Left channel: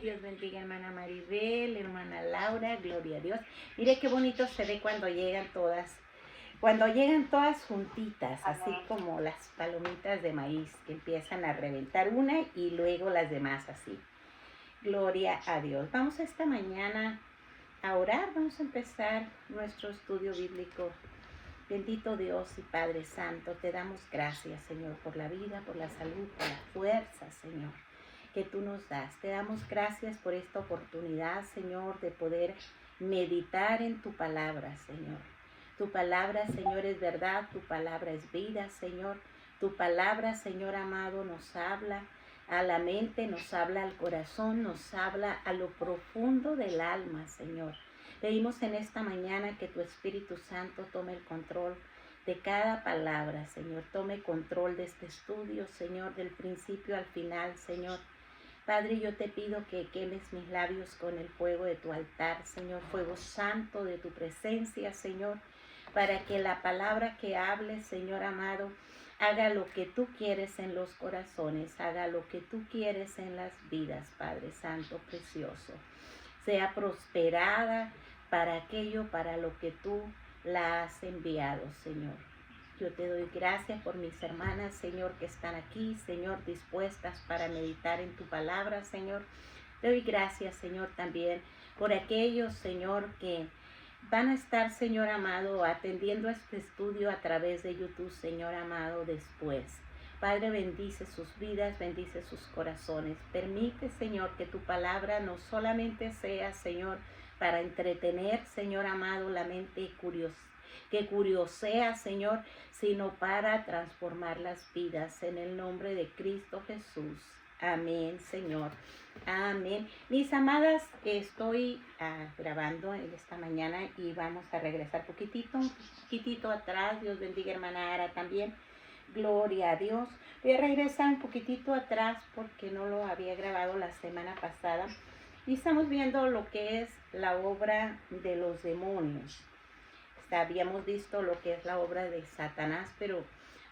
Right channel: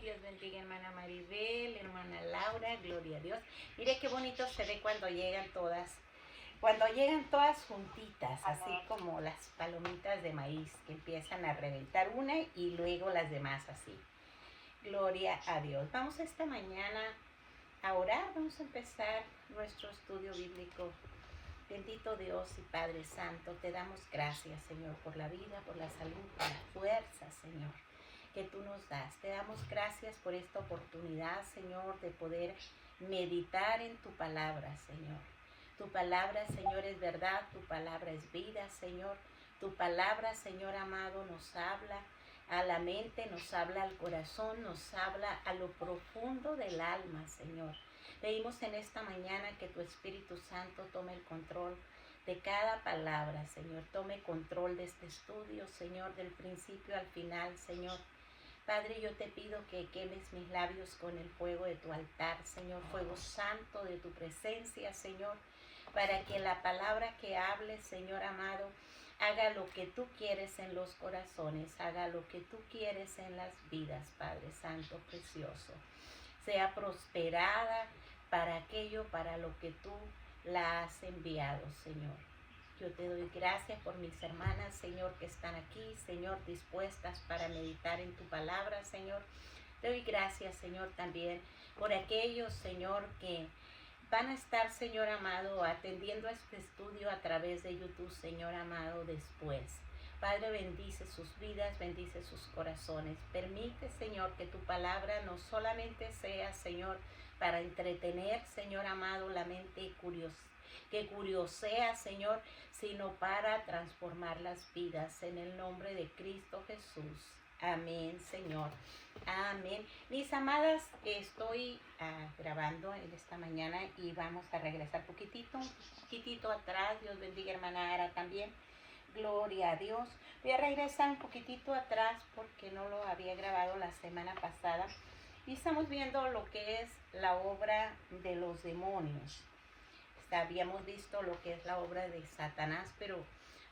Dios bendiga hermana Maribel, hermana Laura, gloria a Dios. Mire qué bonito se ve cuando llegan todas juntitas, así como las palomitas de maíz que empiezan a reventar una y luego las demás así. Gloria a Dios. Vamos esta mañana a orar, vamos a empezar nuestro estudio bíblico. Bendito Dios y Padre Santo, te damos gracias, Señor, por la vida, por la salud, por la fuerza, Señor, que tú nos das. Te damos gracias por esta oportunidad, Señor, de poder meditar en tu palabra, Señor. Tu palabra, Señor, es verdad, tu palabra es vida, Señor. Tu palabra, Señor amado, nos habla a la mente, nos habla al corazón, nos habla a lo profundo del alma, Señor. Pedimos en esta mañana que tu Espíritu Santo tome el control de cada palabra, Señor. Tome control de este estudio, Señor, del principio al final, Señor. Padre, yo te pido que quemes mis labios con el fuego de tu altar, Señor, fuego santo de tu presencia, Señor, para que la palabra que hable, Señor amado, haga lo que tú quieres en los corazones, haga lo que tú quieres en las vidas, Padre Santo, precioso. Sea prosperada para aquello, para lo que tú la has enviado, Señor. Yo te doy gracias por mis hermanas, Señor, que están aquí, Señor, dispuestas para meditar en tu palabra, Señor. Te doy gracias, Señor, también por aquellos, Señor, que van a estar, Señor amado, atendiendo este estudio a través de YouTube, Señor amado, después. Padre, bendice sus vidas, bendice sus corazones. Permite, Señor, que tu palabra no solamente sea, Señor, para entretener, Señor amado, la mente que curiosea, Señor, sino para transformar las vidas en el nombre de Cristo Jesús. Amén, Señor. Amén. Mis amadas, estoy grabando en esta mañana y vamos a regresar un poquitito atrás. Dios bendiga hermana Ara también. Gloria a Dios. Voy a regresar un poquitito atrás porque no lo había grabado la semana pasada. Y estamos viendo lo que es la obra de los demonios. Habíamos visto lo que es la obra de Satanás, pero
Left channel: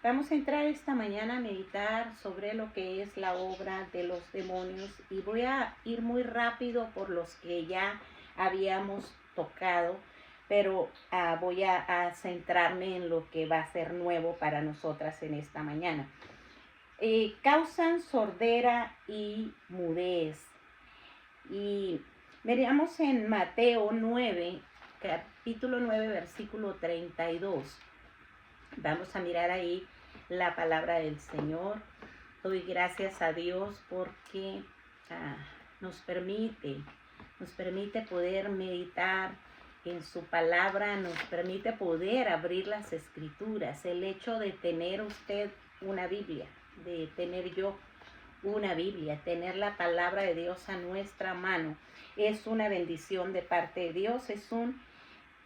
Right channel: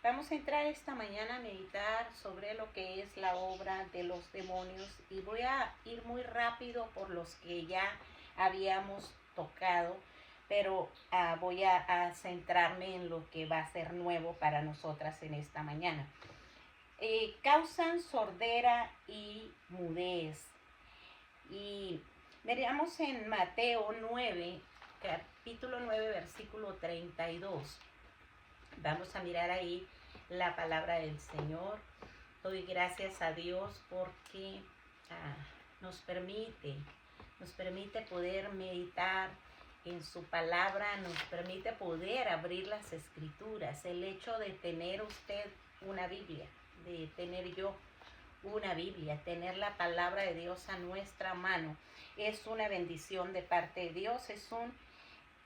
vamos a entrar esta mañana a meditar sobre lo que es la obra de los demonios. Y voy a ir muy rápido por los que ya habíamos tocado, pero voy a centrarme en lo que va a ser nuevo para nosotras en esta mañana. Causan sordera y mudez. Y veamos en Mateo 9, capítulo 9, versículo 32. Vamos a mirar ahí la palabra del Señor. Doy gracias a Dios porque nos permite poder meditar en su palabra, nos permite poder abrir las escrituras. El hecho de tener usted una Biblia, de tener yo una Biblia, tener la palabra de Dios a nuestra mano, es una bendición de parte de Dios, es un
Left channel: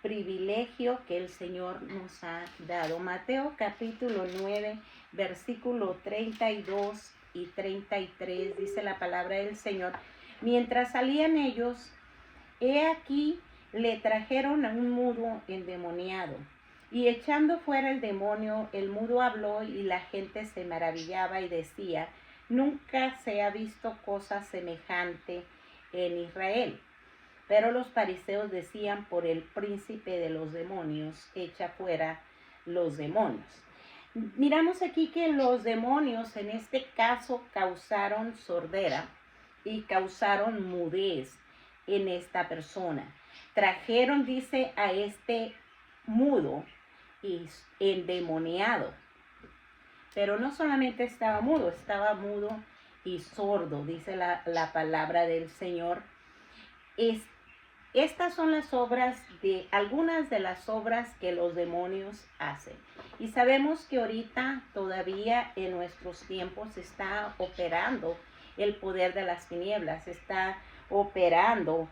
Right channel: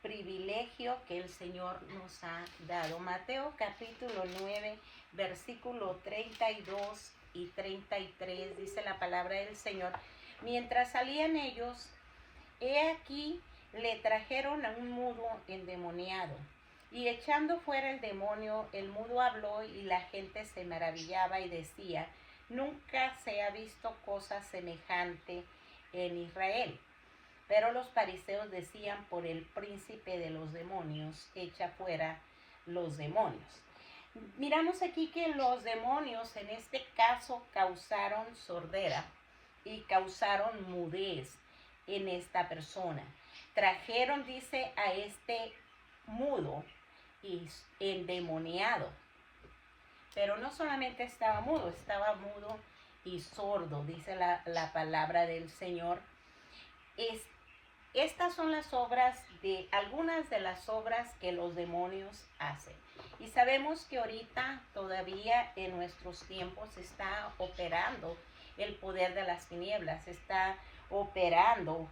privilegio que el Señor nos ha dado. Mateo capítulo 9, versículo 32 y 33, dice la palabra del Señor. Mientras salían ellos, he aquí le trajeron a un mudo endemoniado, y echando fuera el demonio, el mudo habló y la gente se maravillaba y decía: nunca se ha visto cosa semejante en Israel. Pero los fariseos decían: por el príncipe de los demonios, echa fuera los demonios. Miramos aquí que los demonios en este caso causaron sordera y causaron mudez en esta persona. Trajeron, dice, a este mudo y endemoniado. Pero no solamente estaba mudo y sordo, dice la palabra del Señor. Estas son las obras algunas de las obras que los demonios hacen. Y sabemos que ahorita todavía en nuestros tiempos está operando el poder de las tinieblas, está operando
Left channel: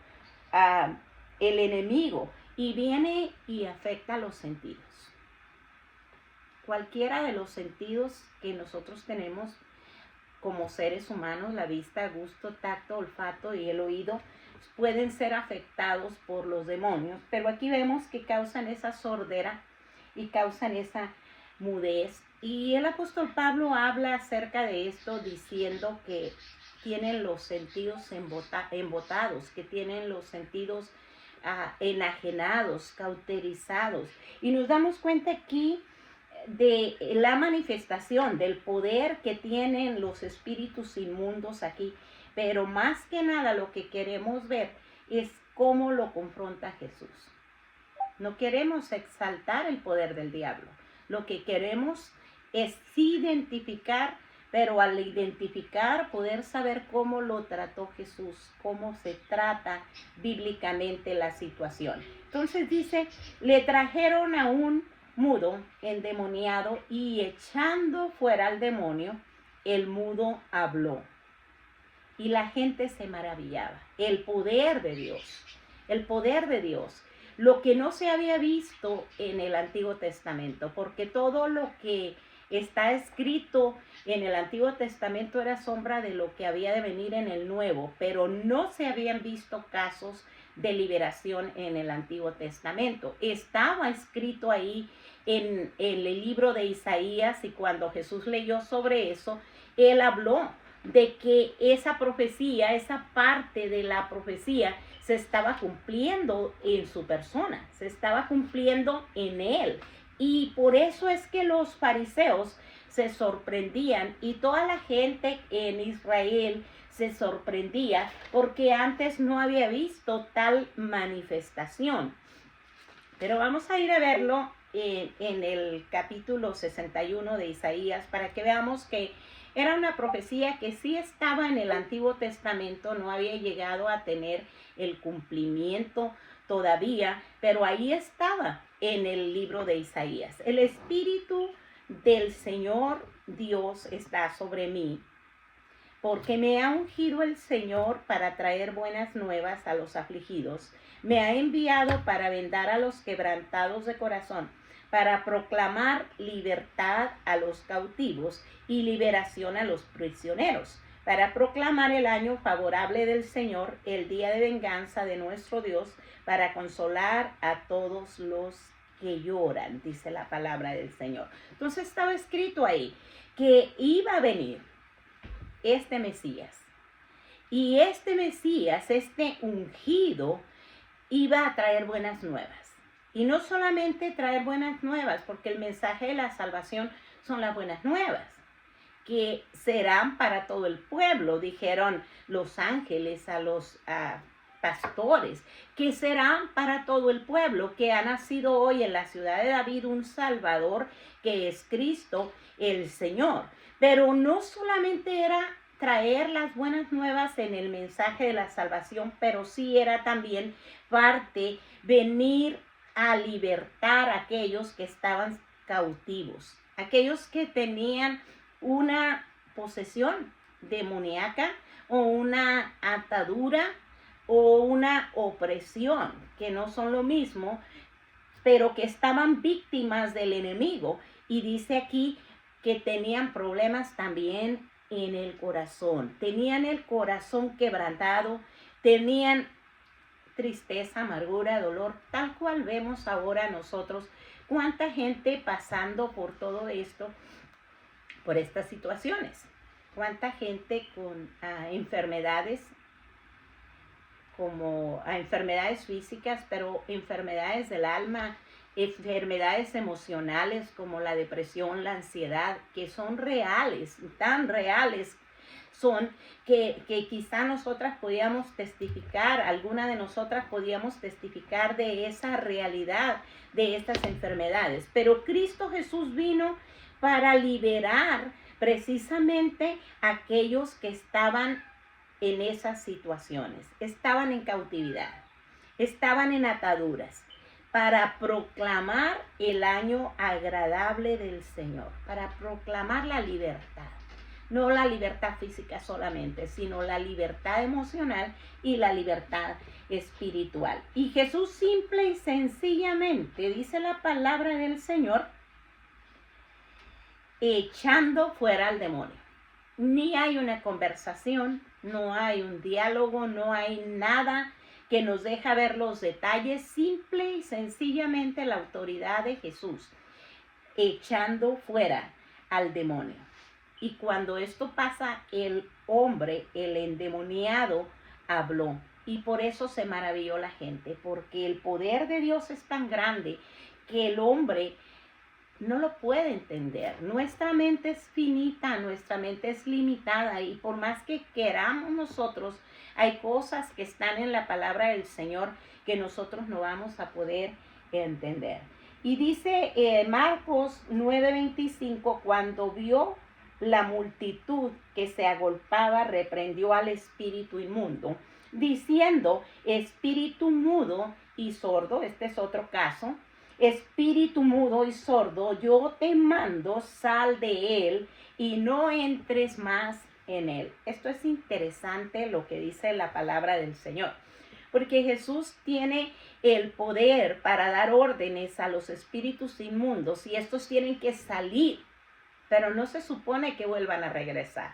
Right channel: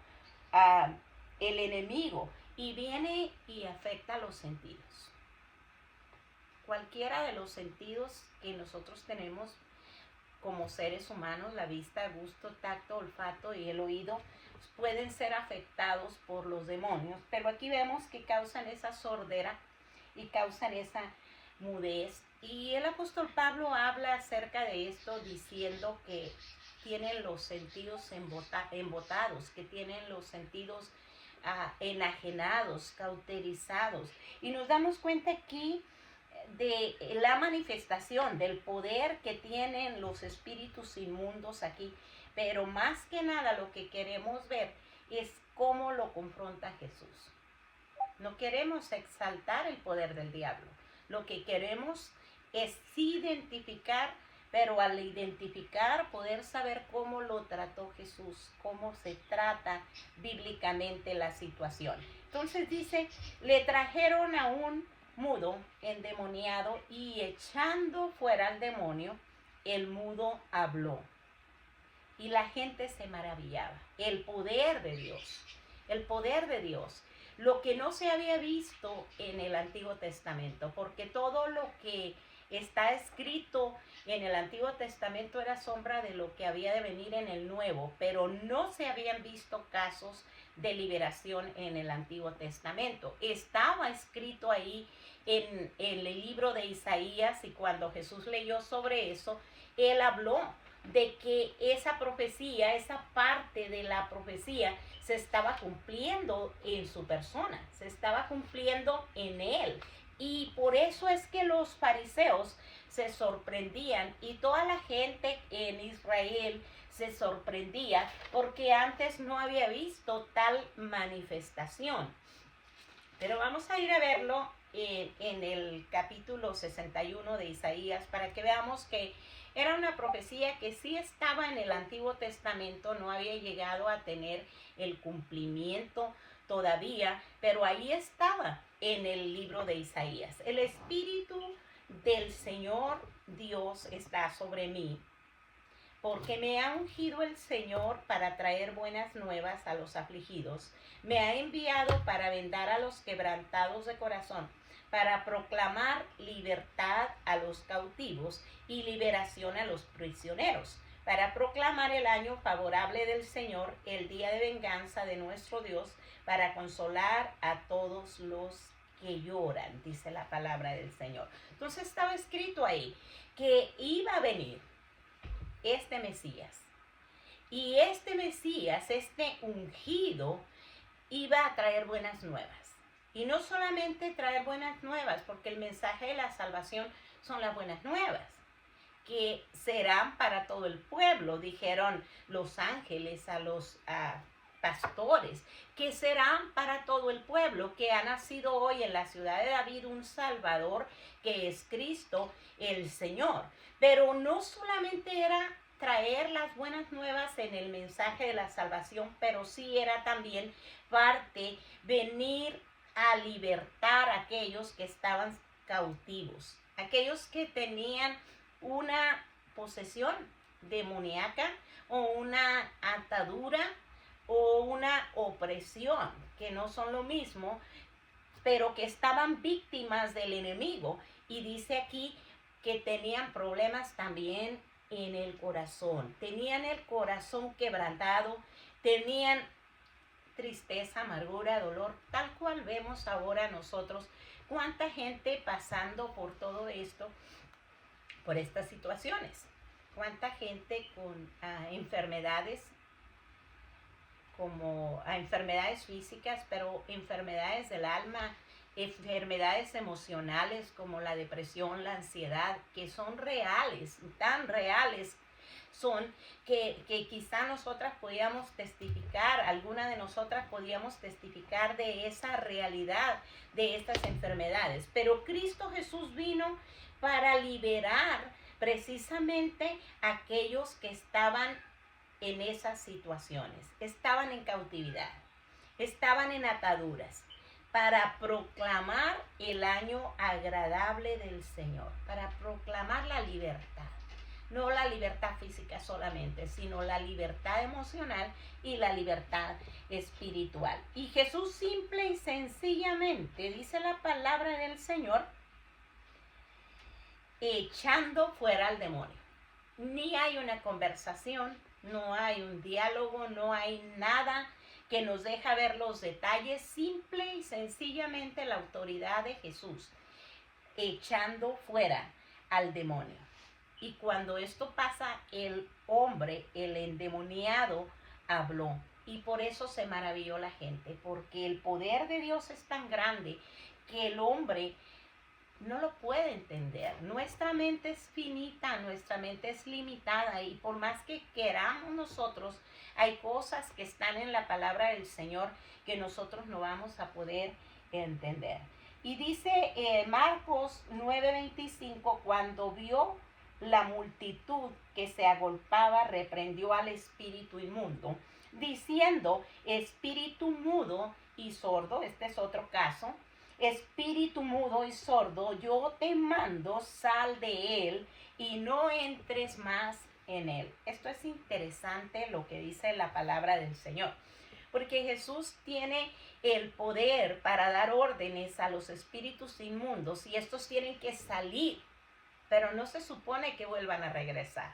el enemigo y viene y afecta los sentidos. Cualquiera de los sentidos que nosotros tenemos como seres humanos, la vista, gusto, tacto, olfato y el oído, pueden ser afectados por los demonios, pero aquí vemos que causan esa sordera y causan esa mudez. Y el apóstol Pablo habla acerca de esto diciendo que tienen los sentidos embotados, que tienen los sentidos enajenados, cauterizados. Y nos damos cuenta aquí de la manifestación del poder que tienen los espíritus inmundos aquí. Pero más que nada lo que queremos ver es cómo lo confronta Jesús. No queremos exaltar el poder del diablo. Lo que queremos es identificar, pero al identificar poder saber cómo lo trató Jesús, cómo se trata bíblicamente la situación. Entonces dice, le trajeron a un mudo endemoniado y echando fuera al demonio, el mudo habló. Y la gente se maravillaba. El poder de Dios, el poder de Dios. Lo que no se había visto en el Antiguo Testamento, porque todo lo que está escrito en el Antiguo Testamento era sombra de lo que había de venir en el Nuevo, pero no se habían visto casos de liberación en el Antiguo Testamento. Estaba escrito ahí en el libro de Isaías, y cuando Jesús leyó sobre eso, él habló de que esa profecía, esa parte de la profecía se estaba cumpliendo en su persona, se estaba cumpliendo en él. Y por eso es que los fariseos se sorprendían y toda la gente en Israel se sorprendía porque antes no había visto tal manifestación. Pero vamos a ir a verlo en el capítulo 61 de Isaías para que veamos que era una profecía que sí estaba en el Antiguo Testamento, no había llegado a tener el cumplimiento todavía, pero ahí estaba en el libro de Isaías. El Espíritu del Señor Dios está sobre mí, porque me ha ungido el Señor para traer buenas nuevas a los afligidos. Me ha enviado para vendar a los quebrantados de corazón, para proclamar libertad a los cautivos y liberación a los prisioneros, para proclamar el año favorable del Señor, el día de venganza de nuestro Dios, para consolar a todos los que lloran, dice la palabra del Señor. Entonces estaba escrito ahí que iba a venir este Mesías. Y este Mesías, este ungido, iba a traer buenas nuevas. Y no solamente traer buenas nuevas, porque el mensaje de la salvación son las buenas nuevas, que serán para todo el pueblo, dijeron los ángeles a los pastores, que serán para todo el pueblo, que ha nacido hoy en la ciudad de David un Salvador, que es Cristo el Señor. Pero no solamente era traer las buenas nuevas en el mensaje de la salvación, pero sí era también parte venir a libertar a aquellos que estaban cautivos, aquellos que tenían una posesión demoníaca o una atadura o una opresión, que no son lo mismo, pero que estaban víctimas del enemigo. Y dice aquí que tenían problemas también en el corazón, tenían el corazón quebrantado, tenían tristeza, amargura, dolor, tal cual vemos ahora nosotros, cuánta gente pasando por todo esto, por estas situaciones, cuánta gente con enfermedades, como enfermedades físicas, pero enfermedades del alma, enfermedades emocionales como la depresión, la ansiedad, que son reales, tan reales son que quizá nosotras podíamos testificar, alguna de nosotras podíamos testificar de esa realidad de estas enfermedades. Pero Cristo Jesús vino para liberar precisamente a aquellos que estaban en esas situaciones, estaban en cautividad, estaban en ataduras, para proclamar el año agradable del Señor, para proclamar la libertad. No la libertad física solamente, sino la libertad emocional y la libertad espiritual. Y Jesús simple y sencillamente, dice la palabra del Señor, echando fuera al demonio. Ni hay una conversación, no hay un diálogo, no hay nada que nos deja ver los detalles, simple y sencillamente la autoridad de Jesús, echando fuera al demonio. Y cuando esto pasa, el hombre, el endemoniado, habló. Y por eso se maravilló la gente, porque el poder de Dios es tan grande que el hombre no lo puede entender. Nuestra mente es finita, nuestra mente es limitada, y por más que queramos nosotros, hay cosas que están en la palabra del Señor que nosotros no vamos a poder entender. Y dice Marcos 9:25, cuando vio la multitud que se agolpaba, reprendió al espíritu inmundo, diciendo: espíritu mudo y sordo, este es otro caso, espíritu mudo y sordo, yo te mando, sal de él y no entres más en él. Esto es interesante lo que dice la palabra del Señor, porque Jesús tiene el poder para dar órdenes a los espíritus inmundos y estos tienen que salir, pero no se supone que vuelvan a regresar.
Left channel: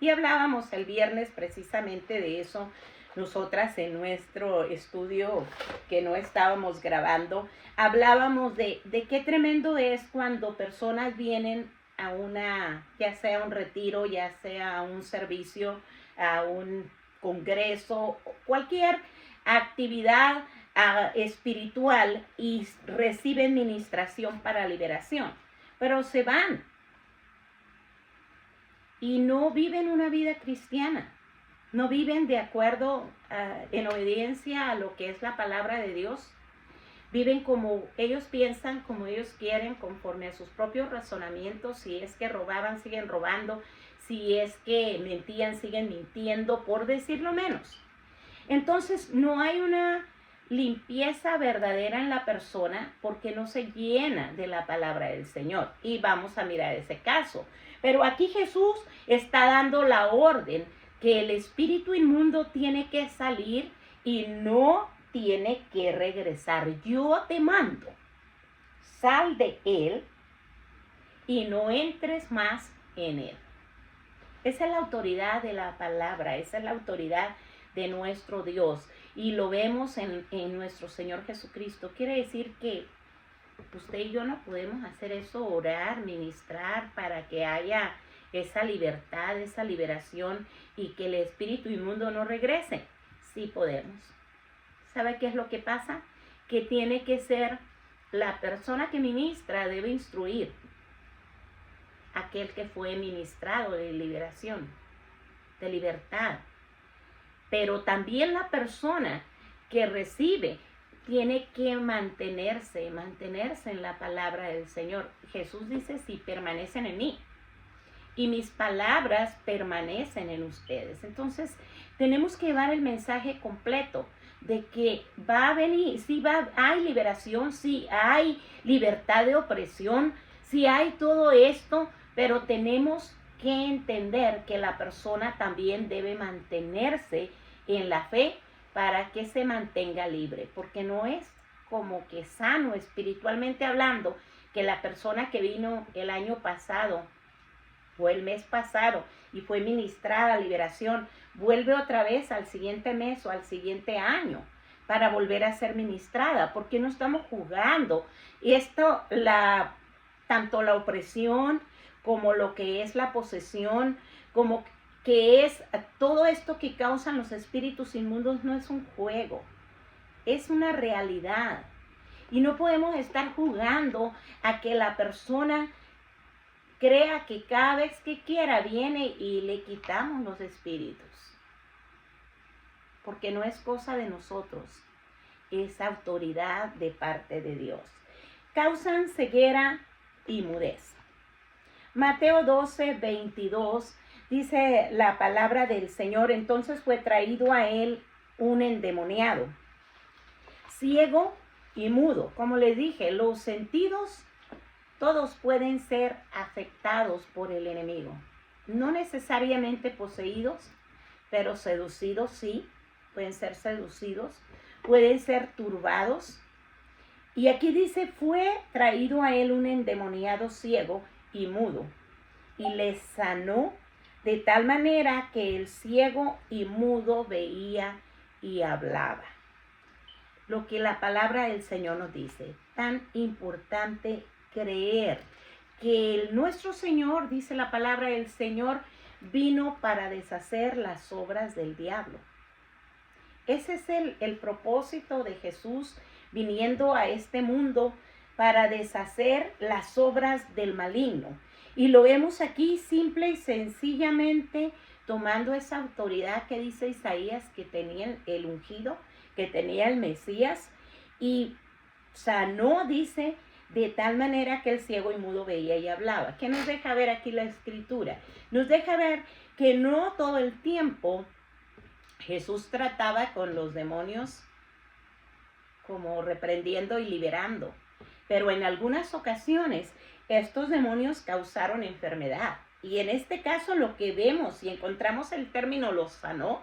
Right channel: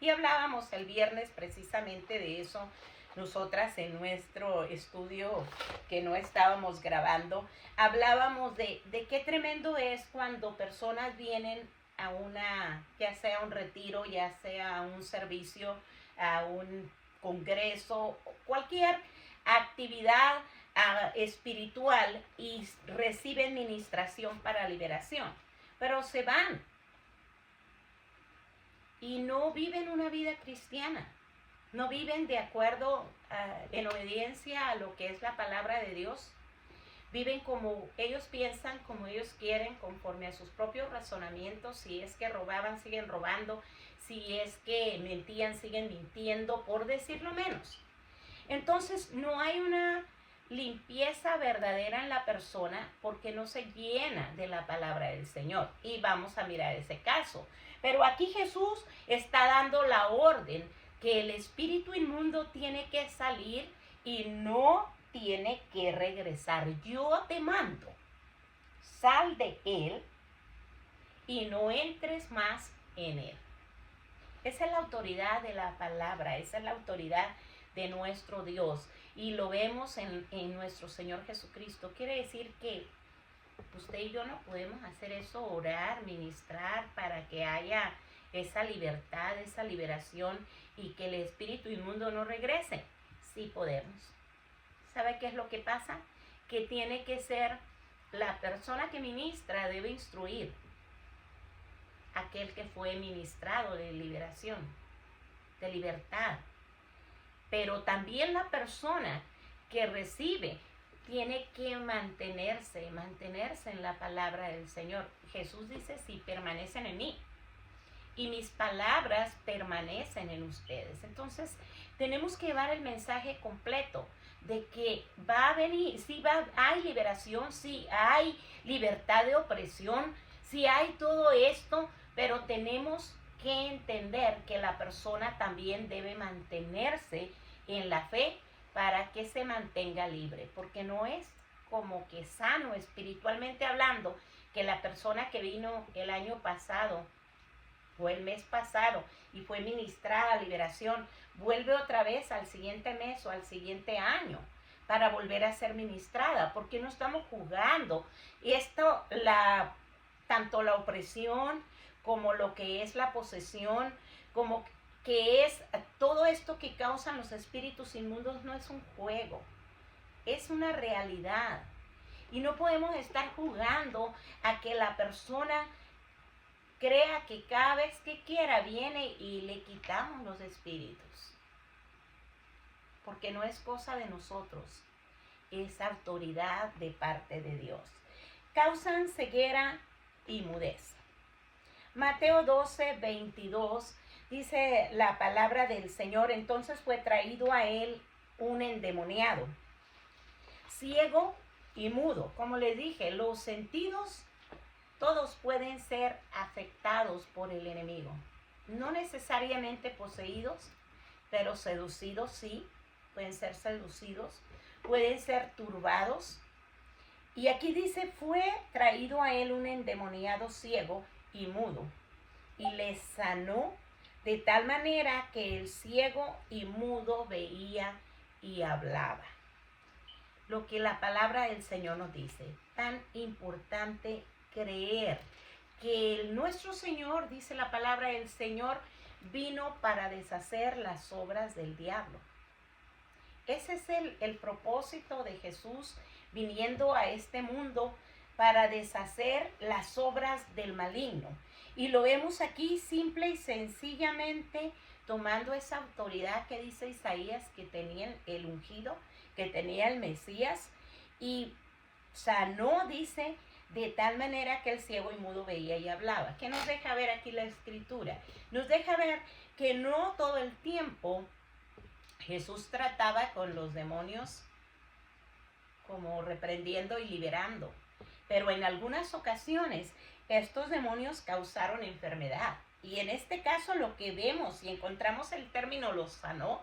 Y hablábamos el viernes precisamente de eso, nosotras en nuestro estudio que no estábamos grabando, hablábamos de qué tremendo es cuando personas vienen a una, ya sea un retiro, ya sea a un servicio, a un congreso, cualquier actividad espiritual, y reciben ministración para liberación, pero se van y no viven una vida cristiana, no viven de acuerdo, en obediencia a lo que es la palabra de Dios. Viven como ellos piensan, como ellos quieren, conforme a sus propios razonamientos. Si es que robaban, siguen robando. Si es que mentían, siguen mintiendo, por decirlo menos. Entonces no hay una limpieza verdadera en la persona porque no se llena de la palabra del Señor. Y vamos a mirar ese caso. Pero aquí Jesús está dando la orden que el espíritu inmundo tiene que salir y no tiene que regresar. Yo te mando, sal de él y no entres más en él. Esa es la autoridad de la palabra, esa es la autoridad de nuestro Dios. Y lo vemos en nuestro Señor Jesucristo. Quiere decir que usted y yo no podemos hacer eso, orar, ministrar para que haya esa libertad, esa liberación y que el espíritu inmundo no regrese. Sí podemos. ¿Sabe qué es lo que pasa? Que tiene que ser la persona que ministra, debe instruir a aquel que fue ministrado de liberación, de libertad. Pero también la persona que recibe tiene que mantenerse en la palabra del Señor. Jesús dice: si permanecen en mí y mis palabras permanecen en ustedes. Entonces tenemos que llevar el mensaje completo de que va a venir, sí hay liberación, sí hay libertad de opresión, sí hay todo esto, pero tenemos que entender que la persona también debe mantenerse en la fe para que se mantenga libre, porque no es como que sano espiritualmente hablando que la persona que vino el año pasado o el mes pasado y fue ministrada tanto vuelve otra vez al siguiente mes o al siguiente año para volver a ser ministrada, porque no estamos jugando. Esto, tanto la opresión como lo que es la posesión, como que es todo esto que causan los espíritus inmundos, no es un juego, es una realidad. Y no podemos estar jugando a que la persona crea que cada vez que quiera viene y le quitamos los espíritus. Porque no es cosa de nosotros, es autoridad de parte de Dios. Causan ceguera y mudez. Mateo 12:22 dice la palabra del Señor: entonces fue traído a él un endemoniado, ciego y mudo. Como les dije, los sentidos todos pueden ser afectados por el enemigo. No necesariamente poseídos, pero seducidos sí, pueden ser seducidos, pueden ser turbados. Y aquí dice: fue traído a él un endemoniado ciego y mudo, y le sanó de tal manera que el ciego y mudo veía y hablaba. Lo que la palabra del Señor nos dice, tan importante creer que nuestro Señor, dice la palabra, el Señor vino para deshacer las obras del diablo. Ese es el propósito de Jesús viniendo a este mundo, para deshacer las obras del maligno. Y lo vemos aquí simple y sencillamente tomando esa autoridad que dice Isaías que tenía el ungido, que tenía el Mesías, y sanó, dice, de tal manera que el ciego y mudo veía y hablaba. ¿Qué nos deja ver aquí la Escritura? Nos deja ver que no todo el tiempo Jesús trataba con los demonios como reprendiendo y liberando, pero en algunas ocasiones estos demonios causaron enfermedad. Y en este caso lo que vemos y encontramos el término los sanó,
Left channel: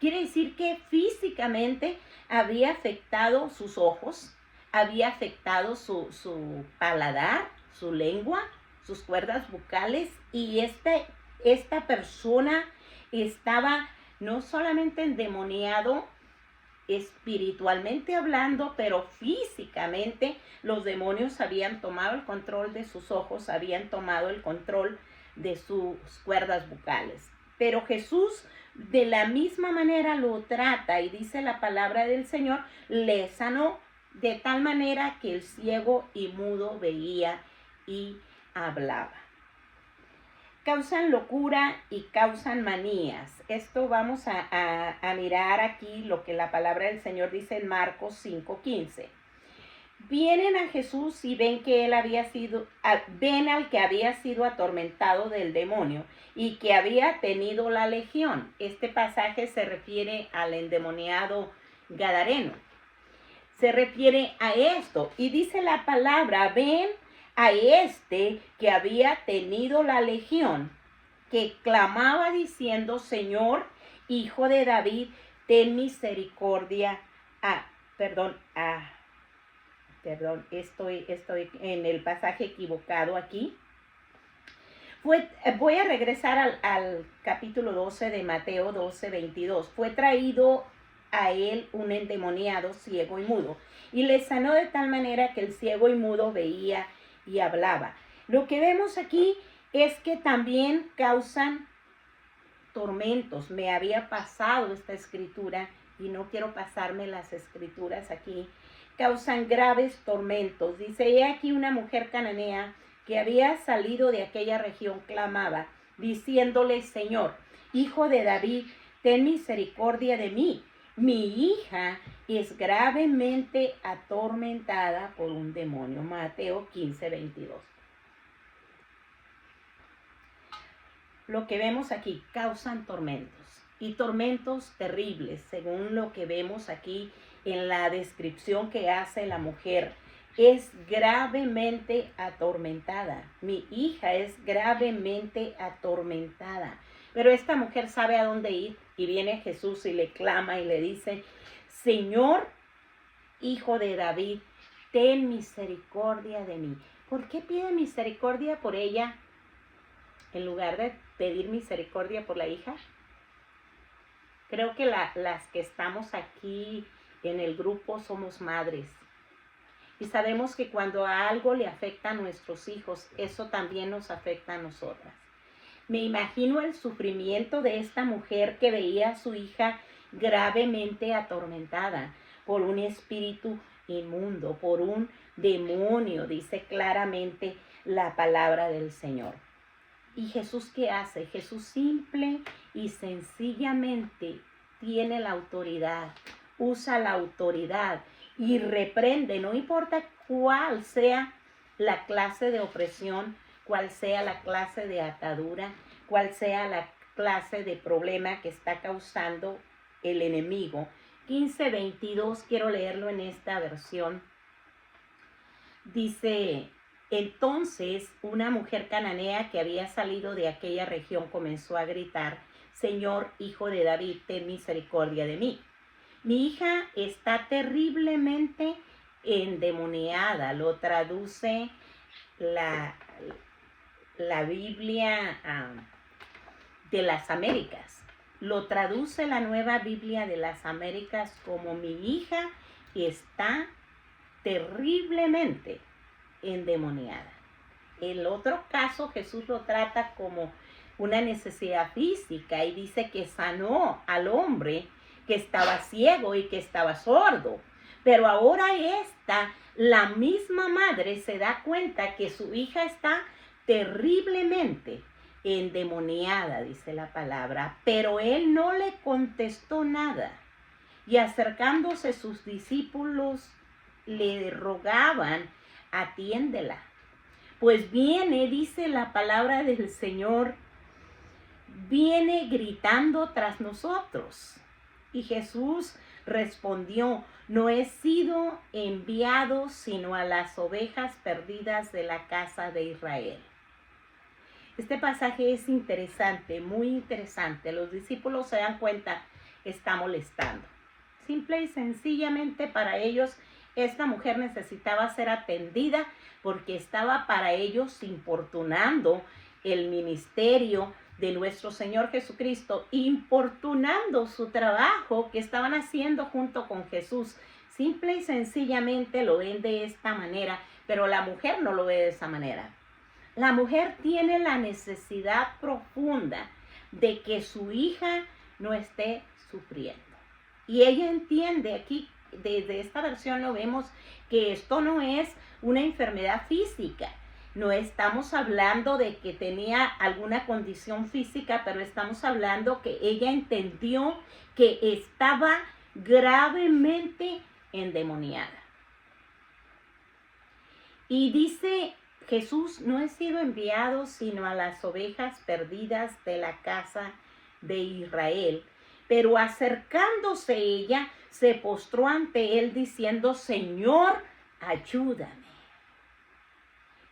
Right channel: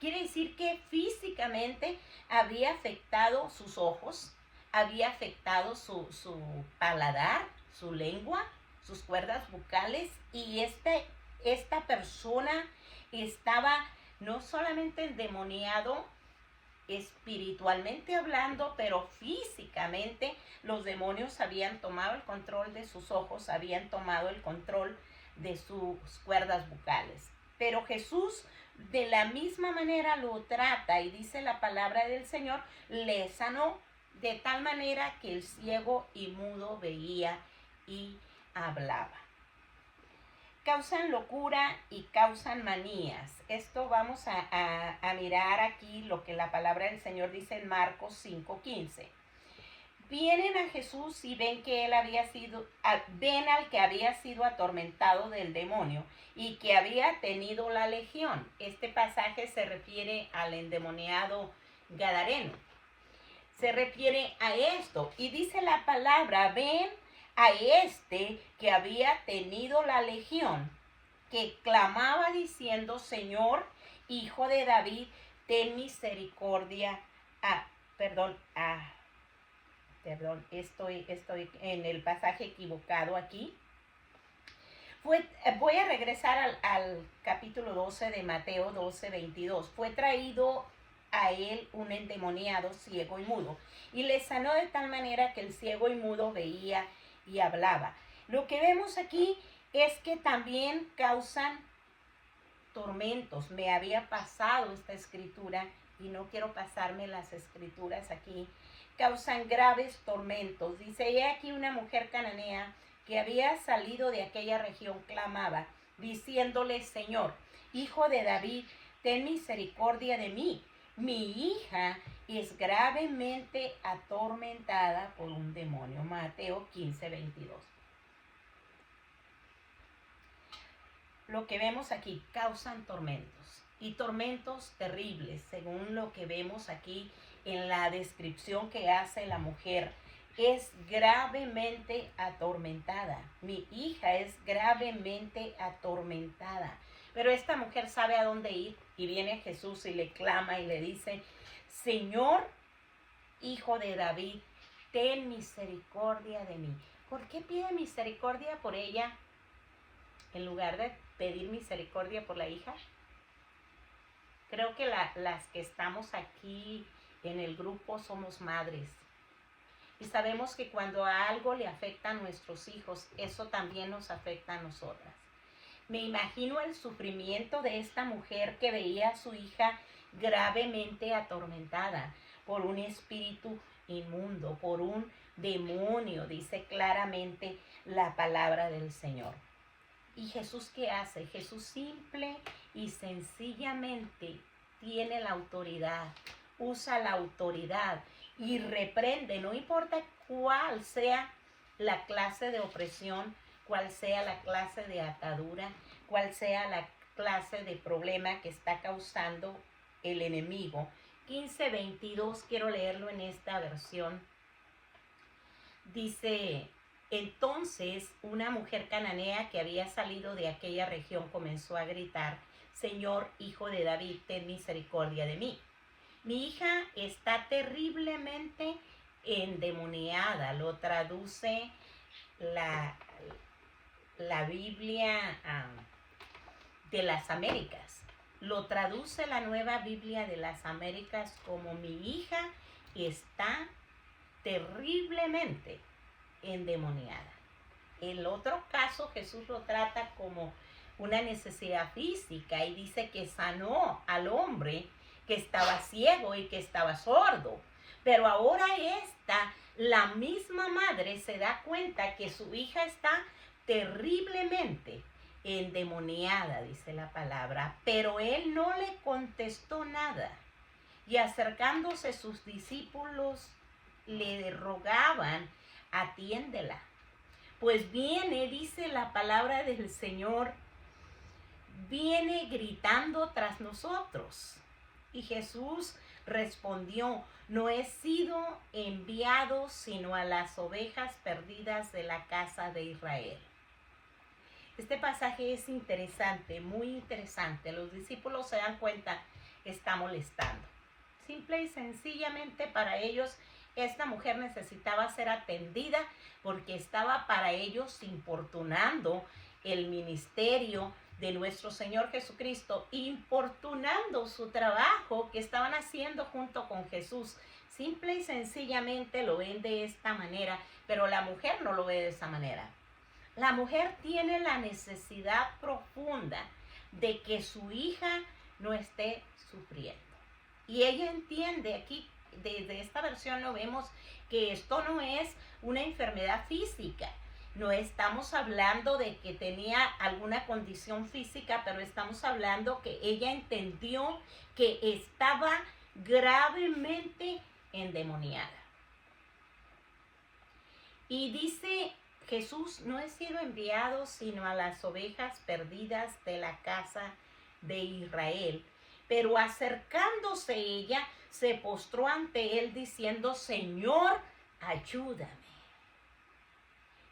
quiere decir que físicamente había afectado sus ojos, había afectado su paladar, su lengua, sus cuerdas bucales, y esta persona estaba no solamente endemoniado espiritualmente hablando, pero físicamente los demonios habían tomado el control de sus ojos, habían tomado el control de sus cuerdas bucales. Pero Jesús de la misma manera lo trata, y dice la palabra del Señor, le sanó de tal manera que el ciego y mudo veía y hablaba. Causan locura y causan manías. Esto vamos a mirar aquí lo que la palabra del Señor dice en Marcos 5:15. Vienen a Jesús y ven que ven al que había sido atormentado del demonio y que había tenido la legión. Este pasaje se refiere al endemoniado gadareno. Se refiere a esto, y dice la palabra, ven a este que había tenido la legión, que clamaba diciendo, Señor, Hijo de David, ten misericordia. Estoy en el pasaje equivocado aquí. Voy a regresar al capítulo 12 de Mateo 12:22. Fue traído a él un endemoniado ciego y mudo, y le sanó de tal manera que el ciego y mudo veía y hablaba. Lo que vemos aquí es que también causan tormentos. Me había pasado esta escritura y no quiero pasarme las escrituras aquí. Causan graves tormentos. Dice, he aquí una mujer cananea que había salido de aquella región clamaba, diciéndole, Señor, Hijo de David, ten misericordia de mí. Mi hija es gravemente atormentada por un demonio. Mateo 15:22. Lo que vemos aquí, causan tormentos, y tormentos terribles, según lo que vemos aquí en la descripción que hace la mujer. Es gravemente atormentada. Mi hija es gravemente atormentada. Pero esta mujer sabe a dónde ir, y viene Jesús y le clama y le dice, Señor, Hijo de David, ten misericordia de mí. ¿Por qué pide misericordia por ella en lugar de pedir misericordia por la hija? Creo que las que estamos aquí en el grupo somos madres. Y sabemos que cuando a algo le afecta a nuestros hijos, eso también nos afecta a nosotras. Me imagino el sufrimiento de esta mujer que veía a su hija gravemente atormentada por un espíritu inmundo, por un demonio, dice claramente la palabra del Señor. ¿Y Jesús qué hace? Jesús simple y sencillamente tiene la autoridad, usa la autoridad y reprende, no importa cuál sea la clase de opresión, cuál sea la clase de atadura, cuál sea la clase de problema que está causando el enemigo. 15:22, quiero leerlo en esta versión. Dice, entonces una mujer cananea que había salido de aquella región comenzó a gritar, Señor, Hijo de David, ten misericordia de mí. Mi hija está terriblemente endemoniada. Lo traduce la Biblia de las Américas. Lo traduce la Nueva Biblia de las Américas como mi hija está terriblemente endemoniada. el otro caso Jesús lo trata como una necesidad física y dice que sanó al hombre que estaba ciego y que estaba sordo. Pero ahora la misma madre se da cuenta que su hija está terriblemente endemoniada, dice la palabra, pero él no le contestó nada. Y acercándose sus discípulos le rogaban, atiéndela. Pues viene, dice la palabra del Señor, viene gritando tras nosotros. Y Jesús respondió, no he sido enviado sino a las ovejas perdidas de la casa de Israel. Este pasaje es interesante, muy interesante. Los discípulos se dan cuenta, está molestando. Simple y sencillamente para ellos, esta mujer necesitaba ser atendida porque estaba para ellos importunando el ministerio de nuestro Señor Jesucristo, importunando su trabajo que estaban haciendo junto con Jesús. Simple y sencillamente lo ven de esta manera, pero la mujer no lo ve de esa manera. La mujer tiene la necesidad profunda de que su hija no esté sufriendo. Y ella entiende, aquí desde esta versión lo vemos, que esto no es una enfermedad física. No estamos hablando de que tenía alguna condición física, pero estamos hablando que ella entendió que estaba gravemente endemoniada. Y dice Jesús, no he sido enviado sino a las ovejas perdidas de la casa de Israel. Pero acercándose ella, se postró ante él diciendo, Señor, ayúdame.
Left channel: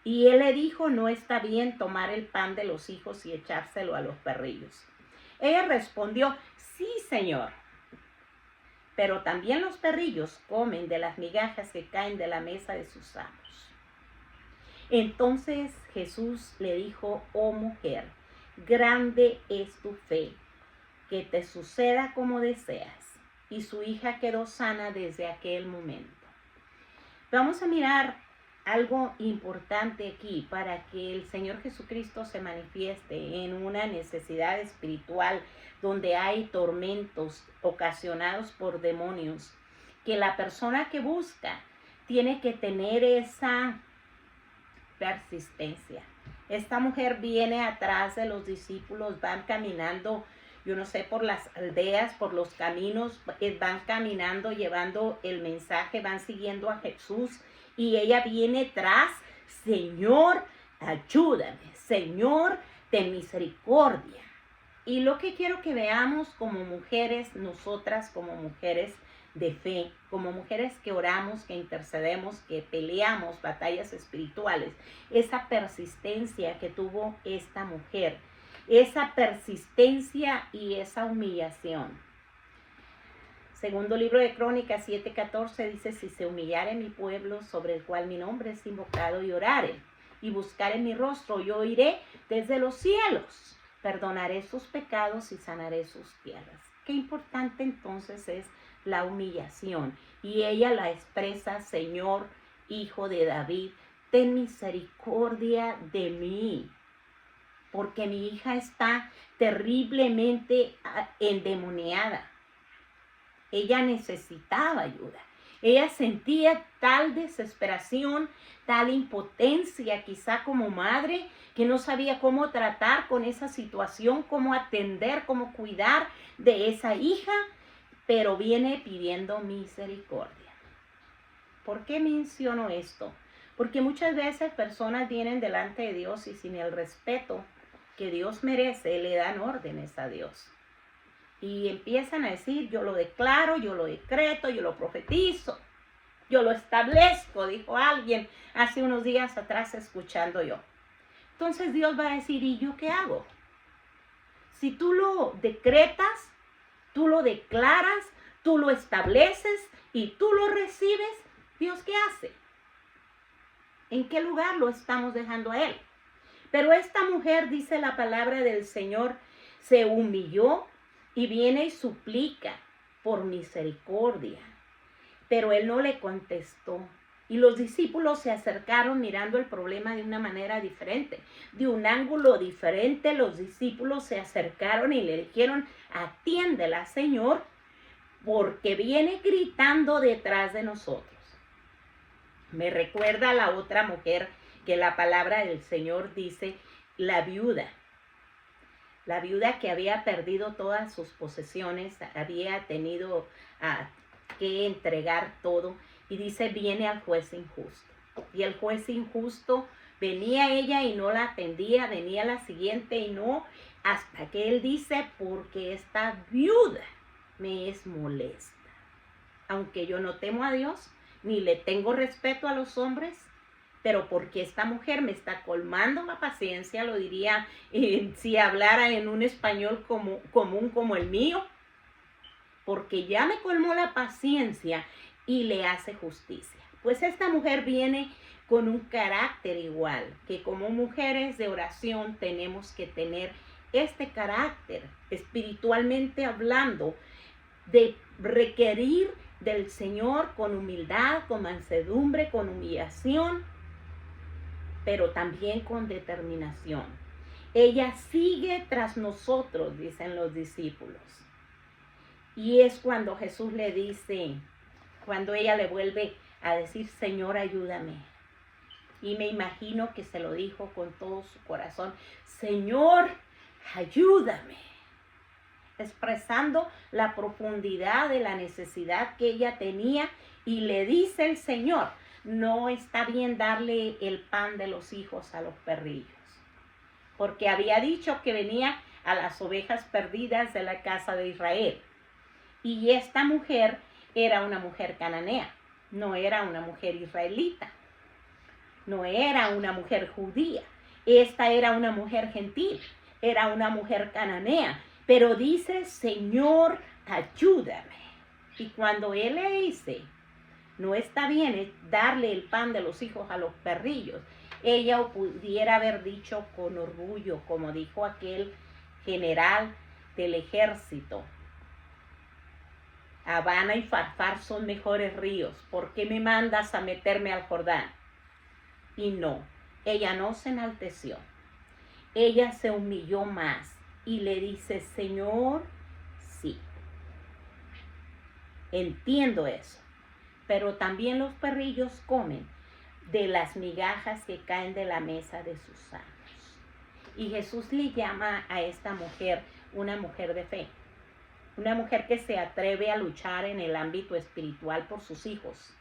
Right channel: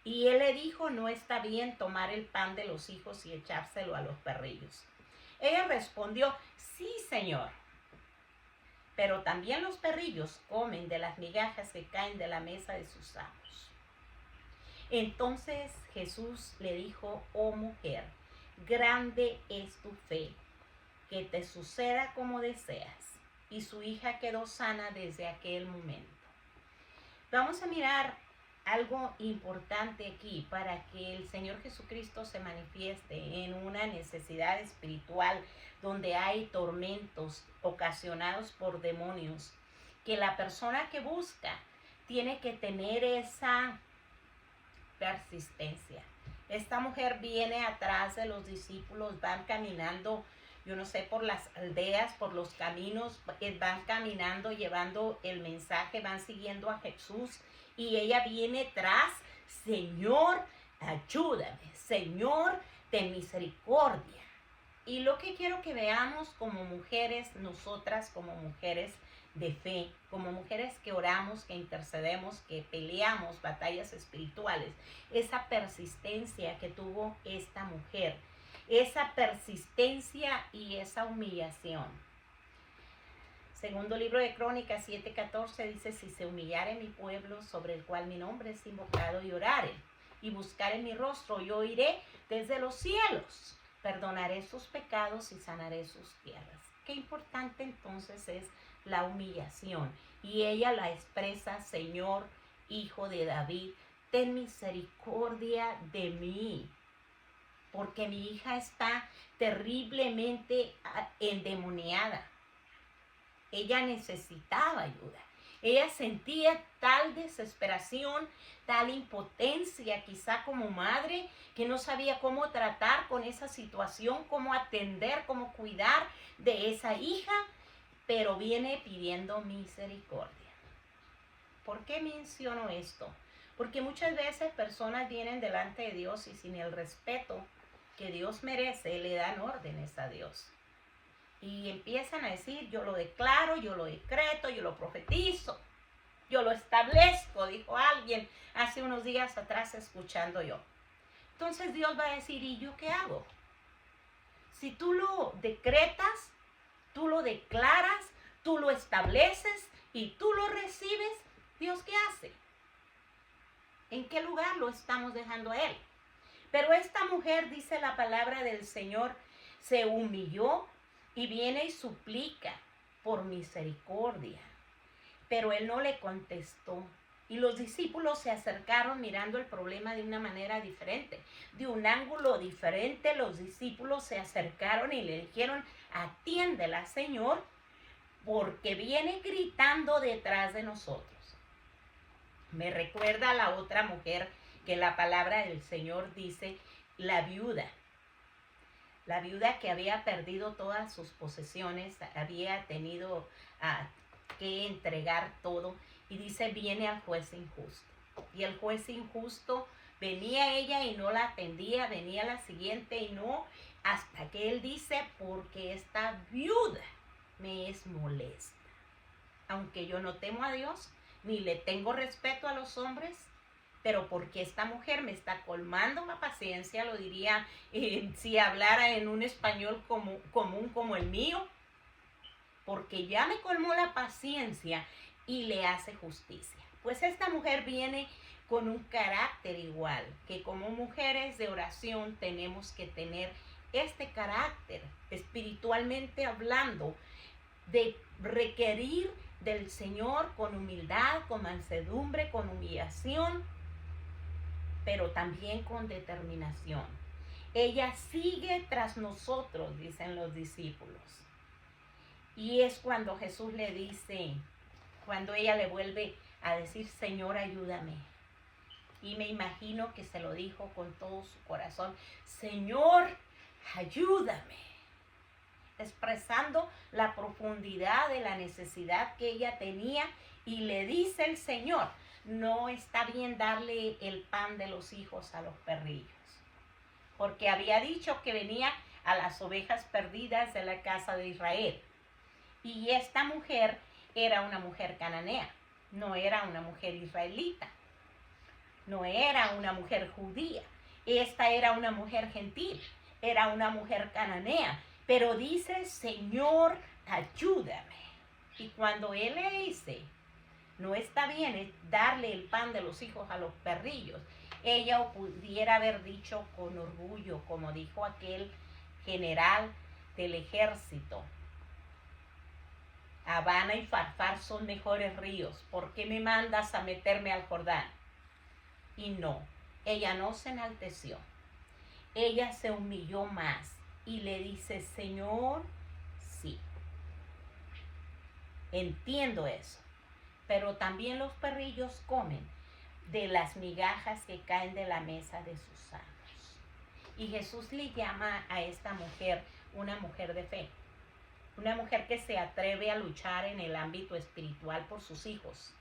Y él le dijo, no está bien tomar el pan de los hijos y echárselo a los perrillos. Ella respondió, sí, Señor. Pero también los perrillos comen de las migajas que caen de la mesa de sus amos. Entonces Jesús le dijo, oh mujer, grande es tu fe, que te suceda como deseas. Y su hija quedó sana desde aquel momento. Vamos a mirar algo importante aquí para que el Señor Jesucristo se manifieste en una necesidad espiritual donde hay tormentos ocasionados por demonios, que la persona que busca tiene que tener esa persistencia. Esta mujer viene atrás de los discípulos, van caminando, yo no sé, por las aldeas, por los caminos, van caminando, llevando el mensaje, van siguiendo a Jesús. Y ella viene tras, Señor, ayúdame, Señor, ten misericordia. Y lo que quiero que veamos como mujeres, nosotras como mujeres de fe, como mujeres que oramos, que intercedemos, que peleamos batallas espirituales, esa persistencia que tuvo esta mujer, esa persistencia y esa humillación. Segundo libro de Crónicas 7:14 dice, si se humillare mi pueblo sobre el cual mi nombre es invocado y orare y buscare mi rostro, yo iré desde los cielos, perdonaré sus pecados y sanaré sus tierras. Qué importante entonces es la humillación. Y ella la expresa, Señor, Hijo de David, ten misericordia de mí, porque mi hija está terriblemente endemoniada. Ella necesitaba ayuda. Ella sentía tal desesperación, tal impotencia, quizá como madre, que no sabía cómo tratar con esa situación, cómo atender, cómo cuidar de esa hija, pero viene pidiendo misericordia. ¿Por qué menciono esto? Porque muchas veces personas vienen delante de Dios y sin el respeto que Dios merece, le dan órdenes a Dios. Y empiezan a decir, yo lo declaro, yo lo decreto, yo lo profetizo, yo lo establezco, dijo alguien hace unos días atrás escuchando yo. Entonces Dios va a decir, ¿y yo qué hago? Si tú lo decretas, tú lo declaras, tú lo estableces y tú lo recibes, ¿Dios qué hace? ¿En qué lugar lo estamos dejando a Él? Pero esta mujer, dice la palabra del Señor, se humilló y viene y suplica por misericordia. Pero Él no le contestó. Y los discípulos se acercaron mirando el problema de una manera diferente, de un ángulo diferente. Los discípulos se acercaron y le dijeron, atiéndela, Señor, porque viene gritando detrás de nosotros. Me recuerda a la otra mujer que la palabra del Señor dice, la viuda que había perdido todas sus posesiones, había tenido que entregar todo. Y dice, viene al juez injusto. Y el juez injusto venía ella y no la atendía, venía la siguiente y no, hasta que él dice, porque esta viuda me es molesta. Aunque yo no temo a Dios, ni le tengo respeto a los hombres, pero porque esta mujer me está colmando la paciencia, lo diría si hablara en un español común como el mío, porque ya me colmó la paciencia y le hace justicia. Pues esta mujer viene con un carácter igual, que como mujeres de oración tenemos que tener este carácter, espiritualmente hablando, de requerir del Señor con humildad, con mansedumbre, con humillación, pero también con determinación. Ella sigue tras nosotros, dicen los discípulos. Y es cuando Jesús le dice, cuando ella le vuelve a decir, Señor, ayúdame. Y me imagino que se lo dijo con todo su corazón, Señor, ayúdame. Expresando la profundidad de la necesidad que ella tenía, y le dice el Señor, no está bien darle el pan de los hijos a los perrillos, porque había dicho que venía a las ovejas perdidas de la casa de Israel. Y esta mujer era una mujer cananea, no era una mujer israelita, no era una mujer judía. Esta era una mujer gentil, era una mujer cananea, pero dice, Señor, ayúdame. Y cuando él le dice, no está bien darle el pan de los hijos a los perrillos, ella pudiera haber dicho con orgullo, como dijo aquel general del ejército, Habana y Farfar son mejores ríos, ¿por qué me mandas a meterme al Jordán? Y no, ella no se enalteció, ella se humilló más y le dice, Señor, sí, entiendo eso, pero también los perrillos comen de las migajas que caen de la mesa de sus amos. Y Jesús le llama a esta mujer una mujer de fe, una mujer que se atreve a luchar en el ámbito espiritual por sus hijos,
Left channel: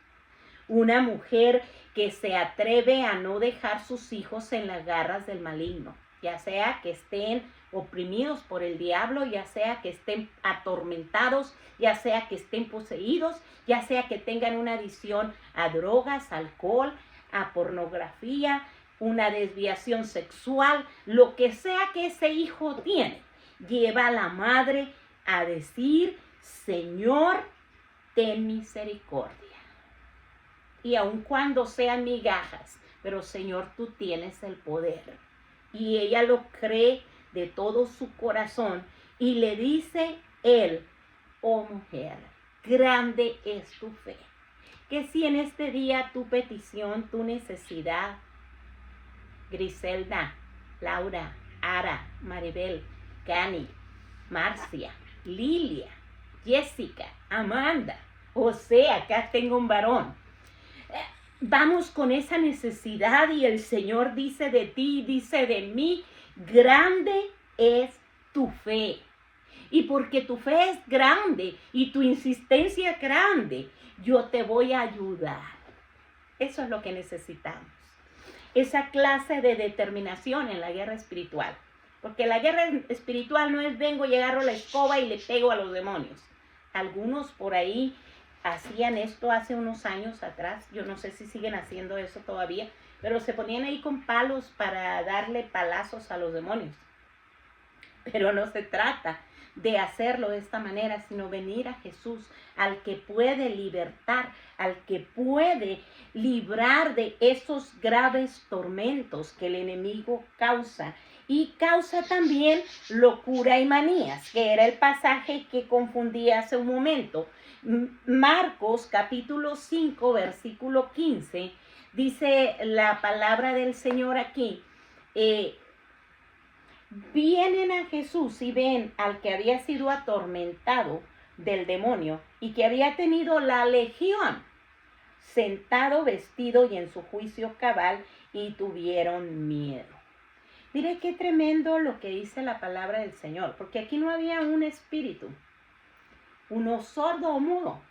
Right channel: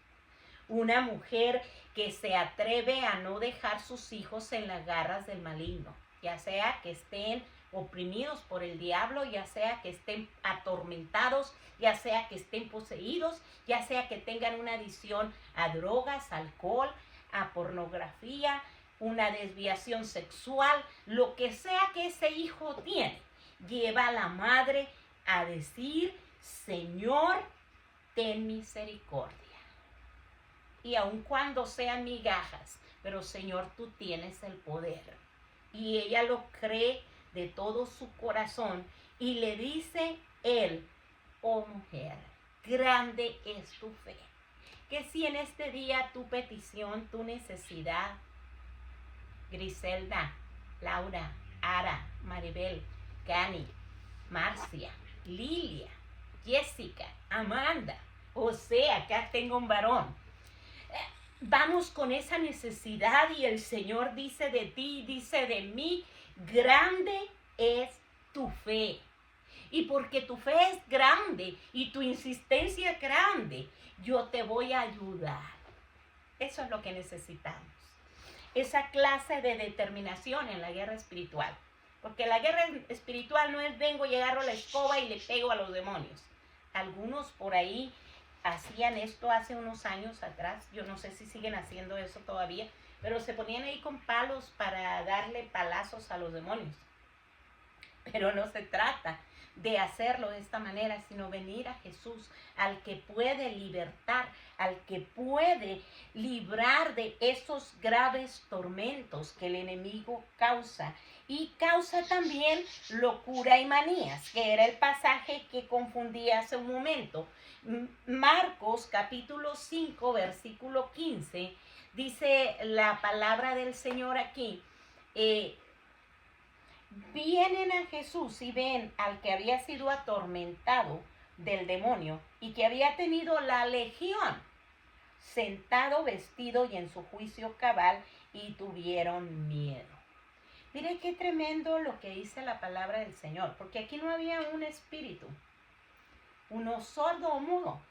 una mujer que se atreve a no dejar sus hijos en las garras del maligno, ya sea que estén oprimidos por el diablo, ya sea que estén atormentados, ya sea que estén poseídos, ya sea que tengan una adicción a drogas, alcohol, a pornografía, una desviación sexual, lo que sea que ese hijo tiene, lleva a la madre a decir, Señor, ten misericordia. Y aun cuando sean migajas, pero Señor, tú tienes el poder. Y ella lo cree de todo su corazón y le dice él, oh mujer, grande es tu fe. Que si en este día tu petición, tu necesidad, Griselda, Laura, Ara, Maribel, Cani, Marcia, Lilia, Jessica, Amanda, José, acá tengo un varón. Vamos con esa necesidad y el Señor dice de ti, dice de mí, grande es tu fe. Y porque tu fe es grande y tu insistencia es grande, yo te voy a ayudar. Eso es lo que necesitamos. Esa clase de determinación en la guerra espiritual. Porque la guerra espiritual no es vengo y agarro la escoba y le pego a los demonios. Algunos por ahí hacían esto hace unos años atrás. Yo no sé si siguen haciendo eso todavía. Pero se ponían ahí con palos para darle palazos a los demonios. Pero no se trata de hacerlo de esta manera, sino venir a Jesús, al que puede libertar, al que puede librar de esos graves tormentos que el enemigo causa. Y causa también locura y manías, que era el pasaje que confundí hace un momento. Marcos capítulo 5, versículo 15, dice la palabra del Señor aquí. Vienen a Jesús y ven al que había sido atormentado del demonio y que había tenido la legión, sentado, vestido y en su juicio cabal, y tuvieron miedo. Mire qué tremendo lo que dice la palabra del Señor, porque aquí no había un espíritu, uno sordo o mudo,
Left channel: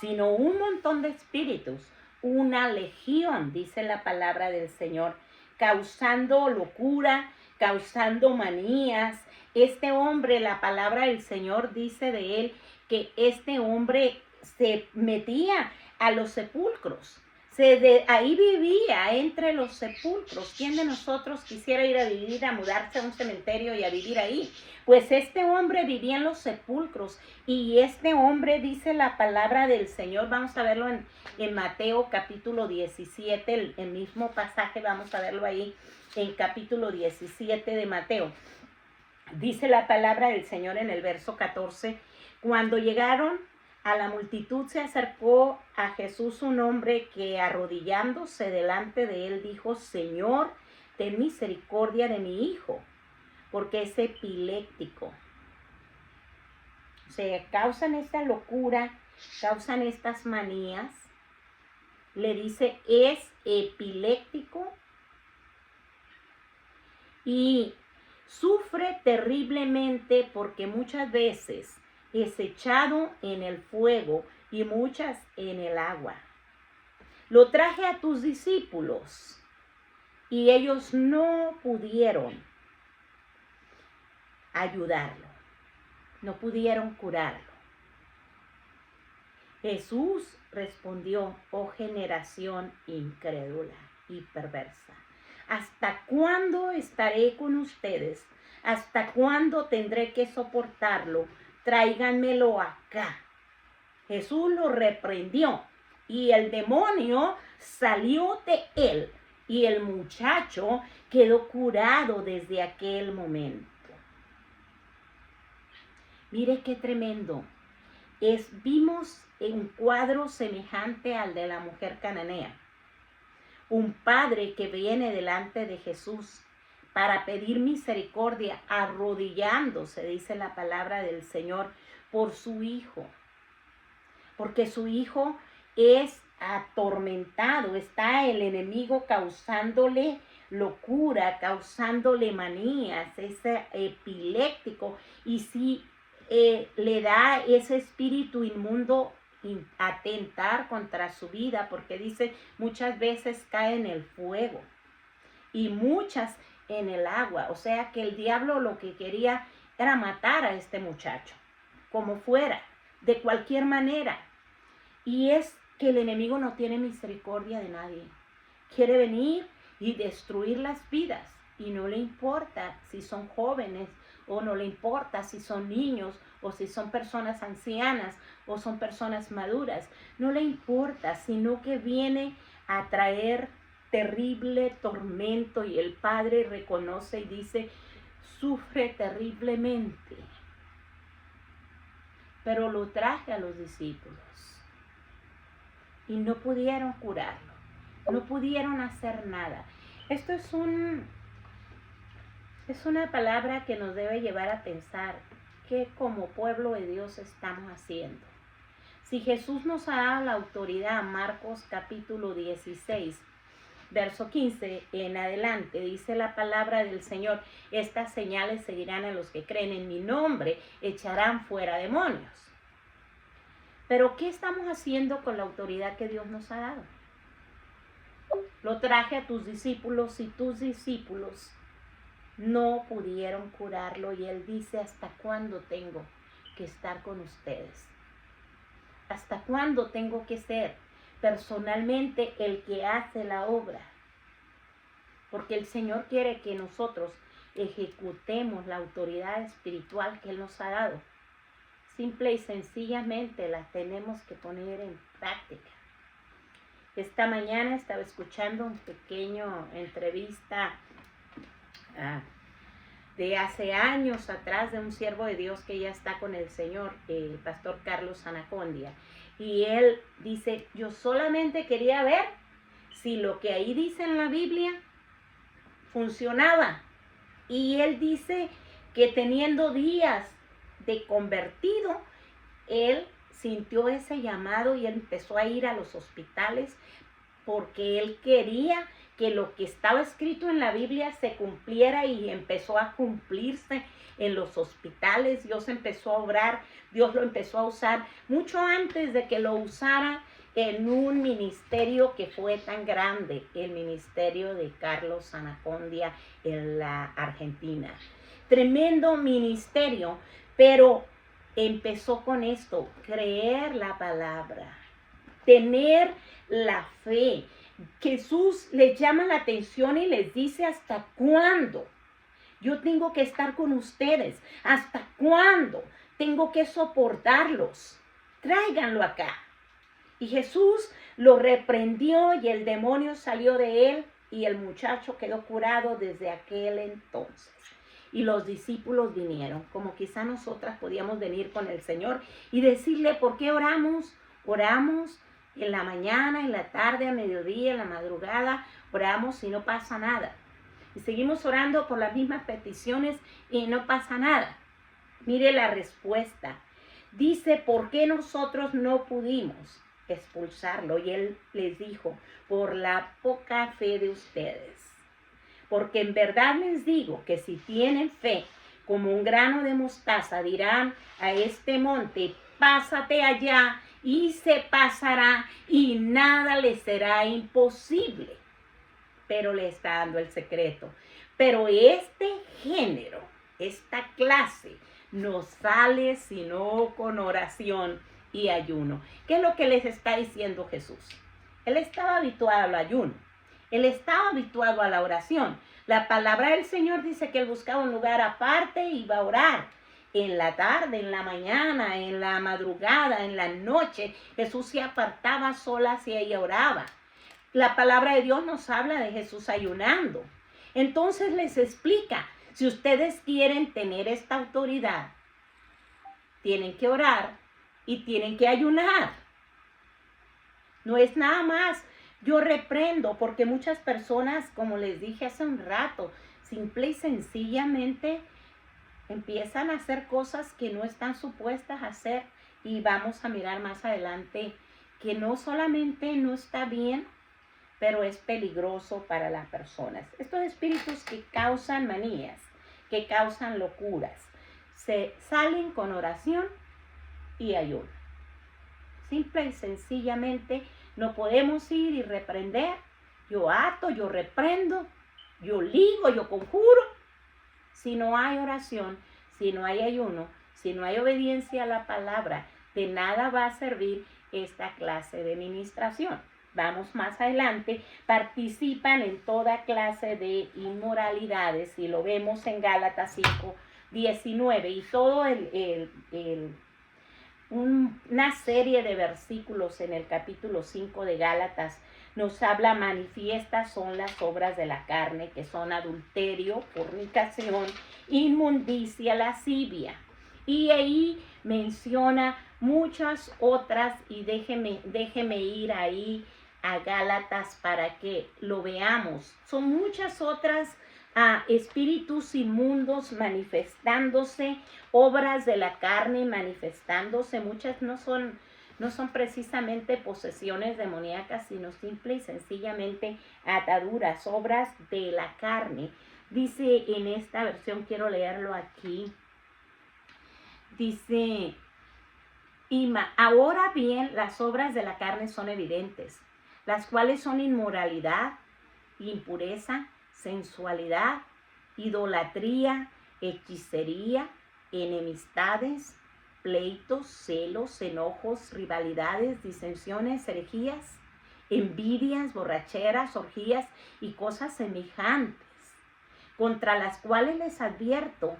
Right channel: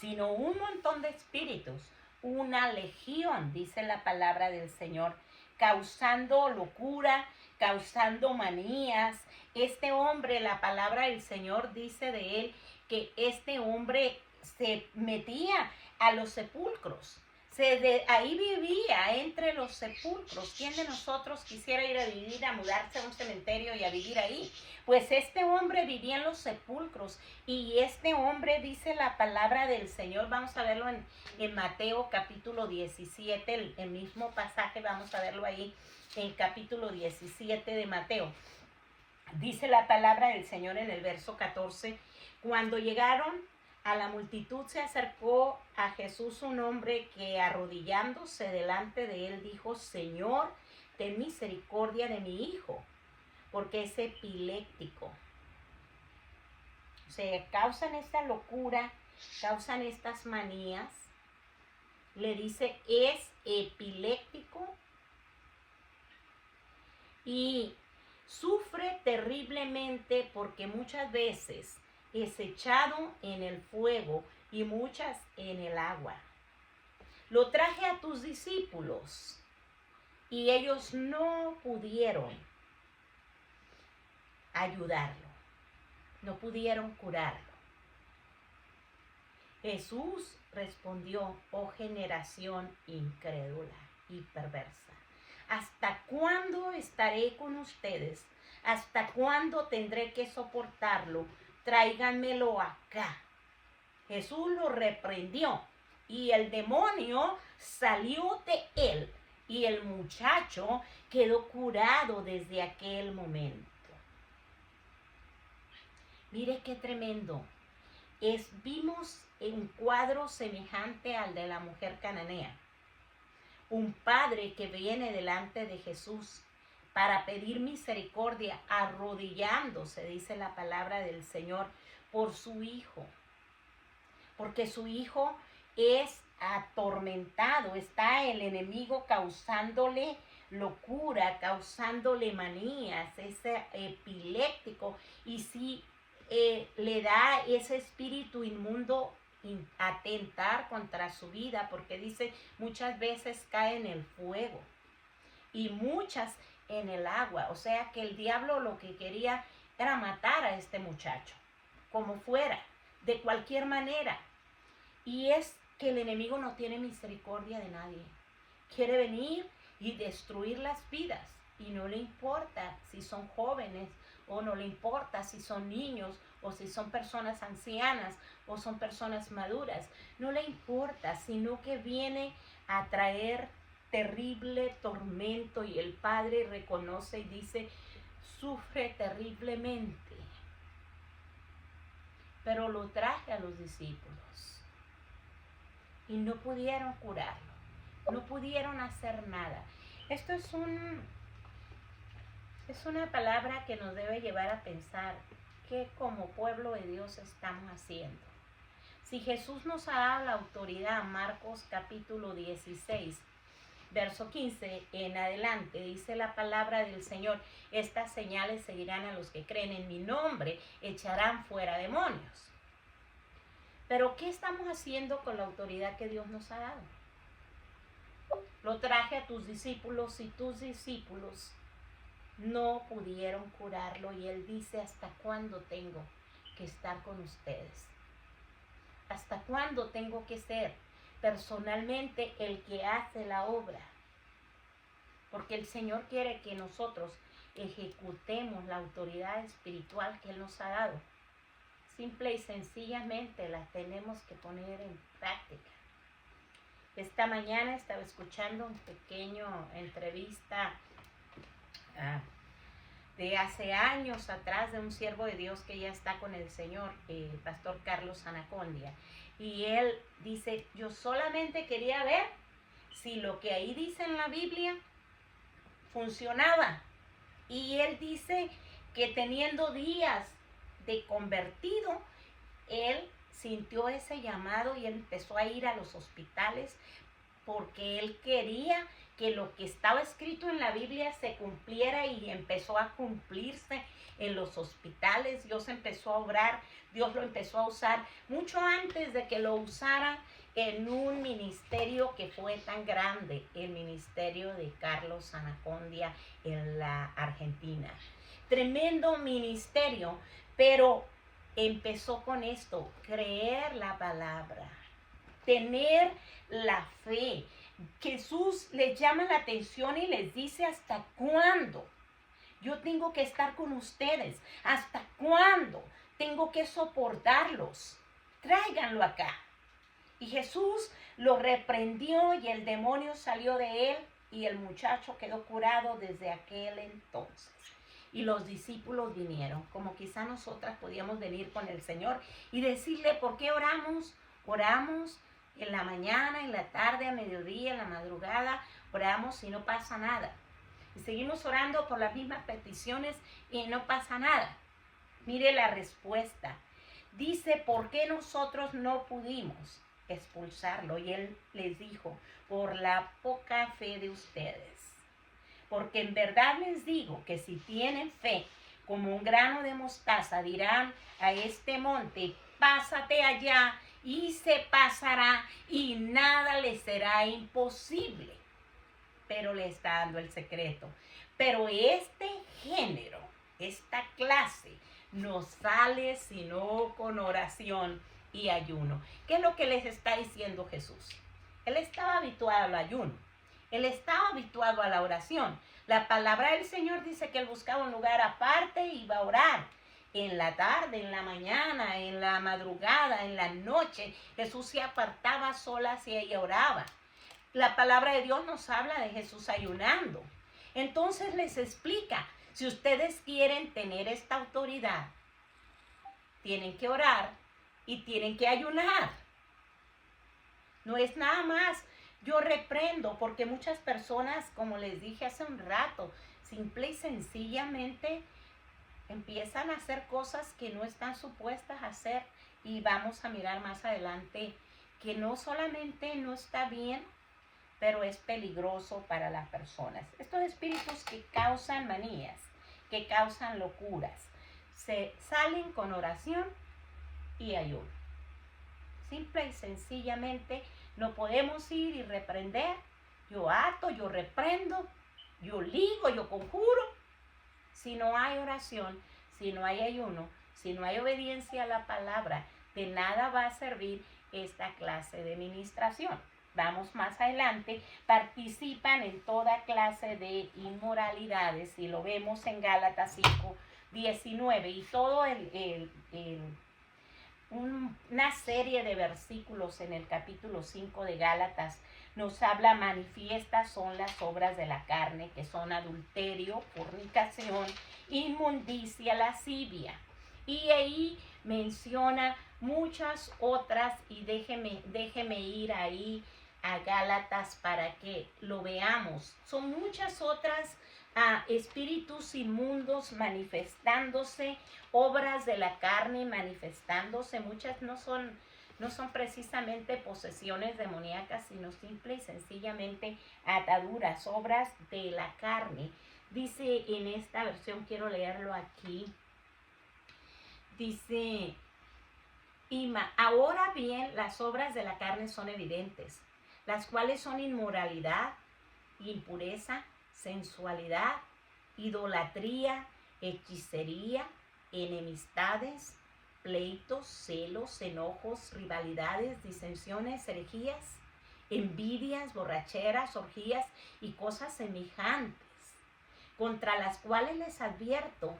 sino un montón de espíritus, una legión, dice la palabra del Señor, causando locura, causando manías. Este hombre, la palabra del Señor dice de él que este hombre se metía a los sepulcros. Ahí vivía entre los sepulcros. ¿Quién de nosotros quisiera ir a vivir, a mudarse a un cementerio y a vivir ahí? Pues este hombre vivía en los sepulcros, y este hombre, dice la palabra del Señor, vamos a verlo en Mateo capítulo 17, el mismo pasaje, vamos a verlo ahí en capítulo 17 de Mateo. Dice la palabra del Señor en el verso 14, cuando llegaron a la multitud se acercó a Jesús un hombre que, arrodillándose delante de él, dijo: Señor, ten misericordia de mi hijo, porque es epiléptico. O sea, causan esta locura, causan estas manías. Le dice, es epiléptico y sufre terriblemente porque muchas veces es echado en el fuego y muchas en el agua. Lo traje a tus discípulos y ellos no pudieron ayudarlo, no pudieron curarlo. Jesús respondió: oh generación incrédula y perversa, ¿hasta cuándo estaré con ustedes? ¿Hasta cuándo tendré que soportarlo? Tráiganmelo acá. Jesús lo reprendió y el demonio salió de él y el muchacho quedó curado desde aquel momento. Mire qué tremendo. Vimos un cuadro semejante al de la mujer cananea. Un padre que viene delante de Jesús para pedir misericordia, arrodillándose, dice la palabra del Señor, por su hijo. Porque su hijo es atormentado, está el enemigo causándole locura, causándole manías, es epiléptico, y si le da ese espíritu inmundo atentar contra su vida, porque dice muchas veces cae en el fuego y muchas en el agua. O sea que el diablo lo que quería era matar a este muchacho, como fuera, de cualquier manera. Y es que el enemigo no tiene misericordia de nadie. Quiere venir y destruir las vidas, y no le importa si son jóvenes, o no le importa si son niños, o si son personas ancianas, o son personas maduras. No le importa, sino que viene a traer terrible tormento, y el Padre reconoce y dice: sufre terriblemente. Pero lo traje a los discípulos y no pudieron curarlo, no pudieron hacer nada. Esto es una palabra que nos debe llevar a pensar qué como pueblo de Dios estamos haciendo. Si Jesús nos ha dado la autoridad, Marcos capítulo 16, verso 15 en adelante, dice la palabra del Señor: estas señales seguirán a los que creen en mi nombre, echarán fuera demonios. Pero ¿qué estamos haciendo con la autoridad que Dios nos ha dado? Lo traje a tus discípulos y tus discípulos no pudieron curarlo, y Él dice: ¿hasta cuándo tengo que estar con ustedes? ¿Hasta cuándo tengo que ser personalmente el que hace la obra? Porque el Señor quiere que nosotros ejecutemos la autoridad espiritual que Él nos ha dado. Simple y sencillamente la tenemos que poner en práctica. Esta mañana estaba escuchando un pequeño entrevista de hace años atrás, de un siervo de Dios que ya está con el Señor, el pastor Carlos Anacondia. Y él dice, yo solamente quería ver si lo que ahí dice en la Biblia funcionaba. Y él dice que teniendo días de convertido, él sintió ese llamado y empezó a ir a los hospitales porque él quería que lo que estaba escrito en la Biblia se cumpliera, y empezó a cumplirse en los hospitales. Dios empezó a obrar, Dios lo empezó a usar mucho antes de que lo usara en un ministerio que fue tan grande, el ministerio de Carlos Anacondia en la Argentina. Tremendo ministerio, pero empezó con esto: creer la palabra, tener la fe. Jesús les llama la atención y les dice, ¿hasta cuándo yo tengo que estar con ustedes? ¿Hasta cuándo tengo que soportarlos? Tráiganlo acá. Y Jesús lo reprendió y el demonio salió de él y el muchacho quedó curado desde aquel entonces. Y los discípulos vinieron, como quizá nosotras podíamos venir con el Señor y decirle, ¿por qué oramos? Oramos en la mañana, en la tarde, a mediodía, en la madrugada, oramos y no pasa nada. Y seguimos orando por las mismas peticiones y no pasa nada. Mire la respuesta. Dice, ¿por qué nosotros no pudimos expulsarlo? Y él les dijo, por la poca fe de ustedes. Porque en verdad les digo que si tienen fe como un grano de mostaza, dirán a este monte, pásate allá, y se pasará, y nada les será imposible. Pero le está dando el secreto. Pero este género, esta clase, no sale sino con oración y ayuno. ¿Qué es lo que les está diciendo Jesús? Él estaba habituado al ayuno. Él estaba habituado a la oración. La palabra del Señor dice que él buscaba un lugar aparte y iba a orar. En la tarde, en la mañana, en la madrugada, en la noche, Jesús se apartaba sola y ella oraba. La palabra de Dios nos habla de Jesús ayunando. Entonces les explica, si ustedes quieren tener esta autoridad, tienen que orar y tienen que ayunar. No es nada más. Yo reprendo porque muchas personas, como les dije hace un rato, simple y sencillamente empiezan a hacer cosas que no están supuestas a hacer, y vamos a mirar más adelante que no solamente no está bien, pero es peligroso para las personas. Estos espíritus que causan manías, que causan locuras, se salen con oración y ayuno. Simple y sencillamente no podemos ir y reprender. Yo ato, yo reprendo, yo ligo, yo conjuro. Si no hay oración, si no hay ayuno, si no hay obediencia a la palabra, de nada va a servir esta clase de ministración. Vamos más adelante, participan en toda clase de inmoralidades, y lo vemos en Gálatas 5:19, y todo una serie de versículos en el capítulo 5 de Gálatas nos habla: manifiestas son las obras de la carne, que son adulterio, fornicación, inmundicia, lascivia. Y ahí menciona muchas otras, y déjeme ir ahí a Gálatas para que lo veamos. Son muchas otras espíritus inmundos manifestándose, obras de la carne manifestándose. Muchas no son precisamente posesiones demoníacas, sino simple y sencillamente ataduras, obras de la carne. Dice en esta versión, quiero leerlo aquí, dice: ahora bien, las obras de la carne son evidentes, las cuales son inmoralidad, impureza, sensualidad, idolatría, hechicería, enemistades, pleitos, celos, enojos, rivalidades, disensiones, herejías, envidias, borracheras, orgías y cosas semejantes, contra las cuales les advierto,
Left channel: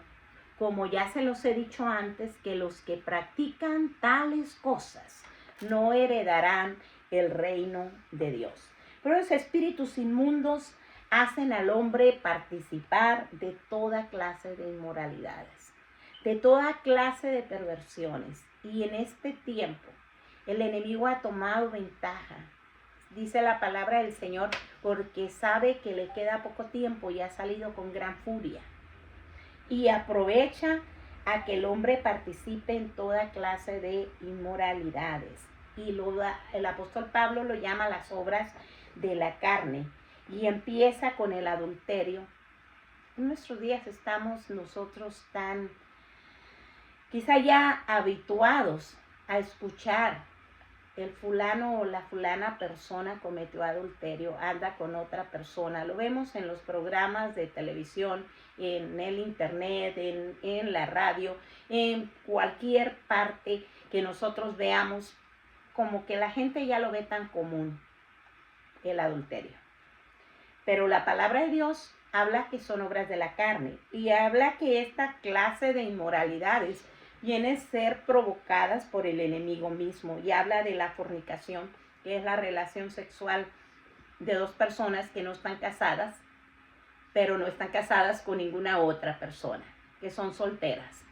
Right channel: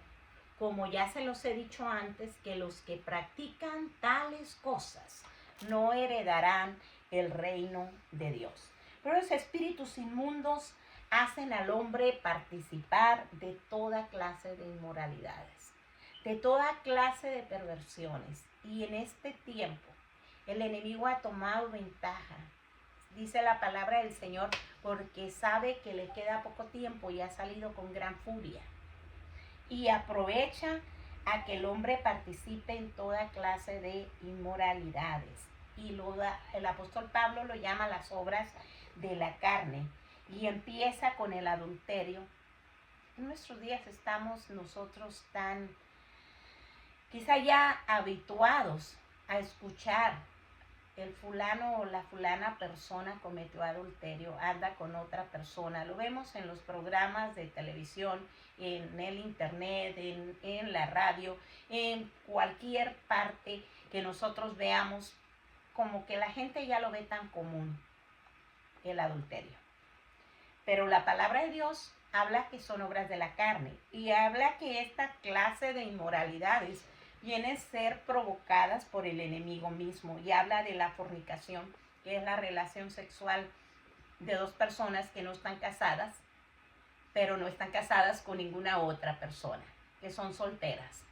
como ya se los he dicho antes, que los que practican tales cosas no heredarán el reino de Dios. Pero los espíritus inmundos hacen al hombre participar de toda clase de inmoralidades, de toda clase de perversiones. Y en este tiempo el enemigo ha tomado ventaja, dice la palabra del Señor, porque sabe que le queda poco tiempo y ha salido con gran furia. Y aprovecha a que el hombre participe en toda clase de inmoralidades. Y el apóstol Pablo lo llama las obras de la carne. Y empieza con el adulterio. En nuestros días estamos nosotros tan, quizá ya habituados a escuchar el fulano o la fulana persona cometió adulterio, anda con otra persona. Lo vemos en los programas de televisión, en el internet, en la radio, en cualquier parte que nosotros veamos, como que la gente ya lo ve tan común, el adulterio. Pero la palabra de Dios habla que son obras de la carne y habla que esta clase de inmoralidades vienen a ser provocadas por el enemigo mismo, y habla de la fornicación, que es la relación sexual de dos personas que no están casadas, pero no están casadas con ninguna otra persona, que son solteras,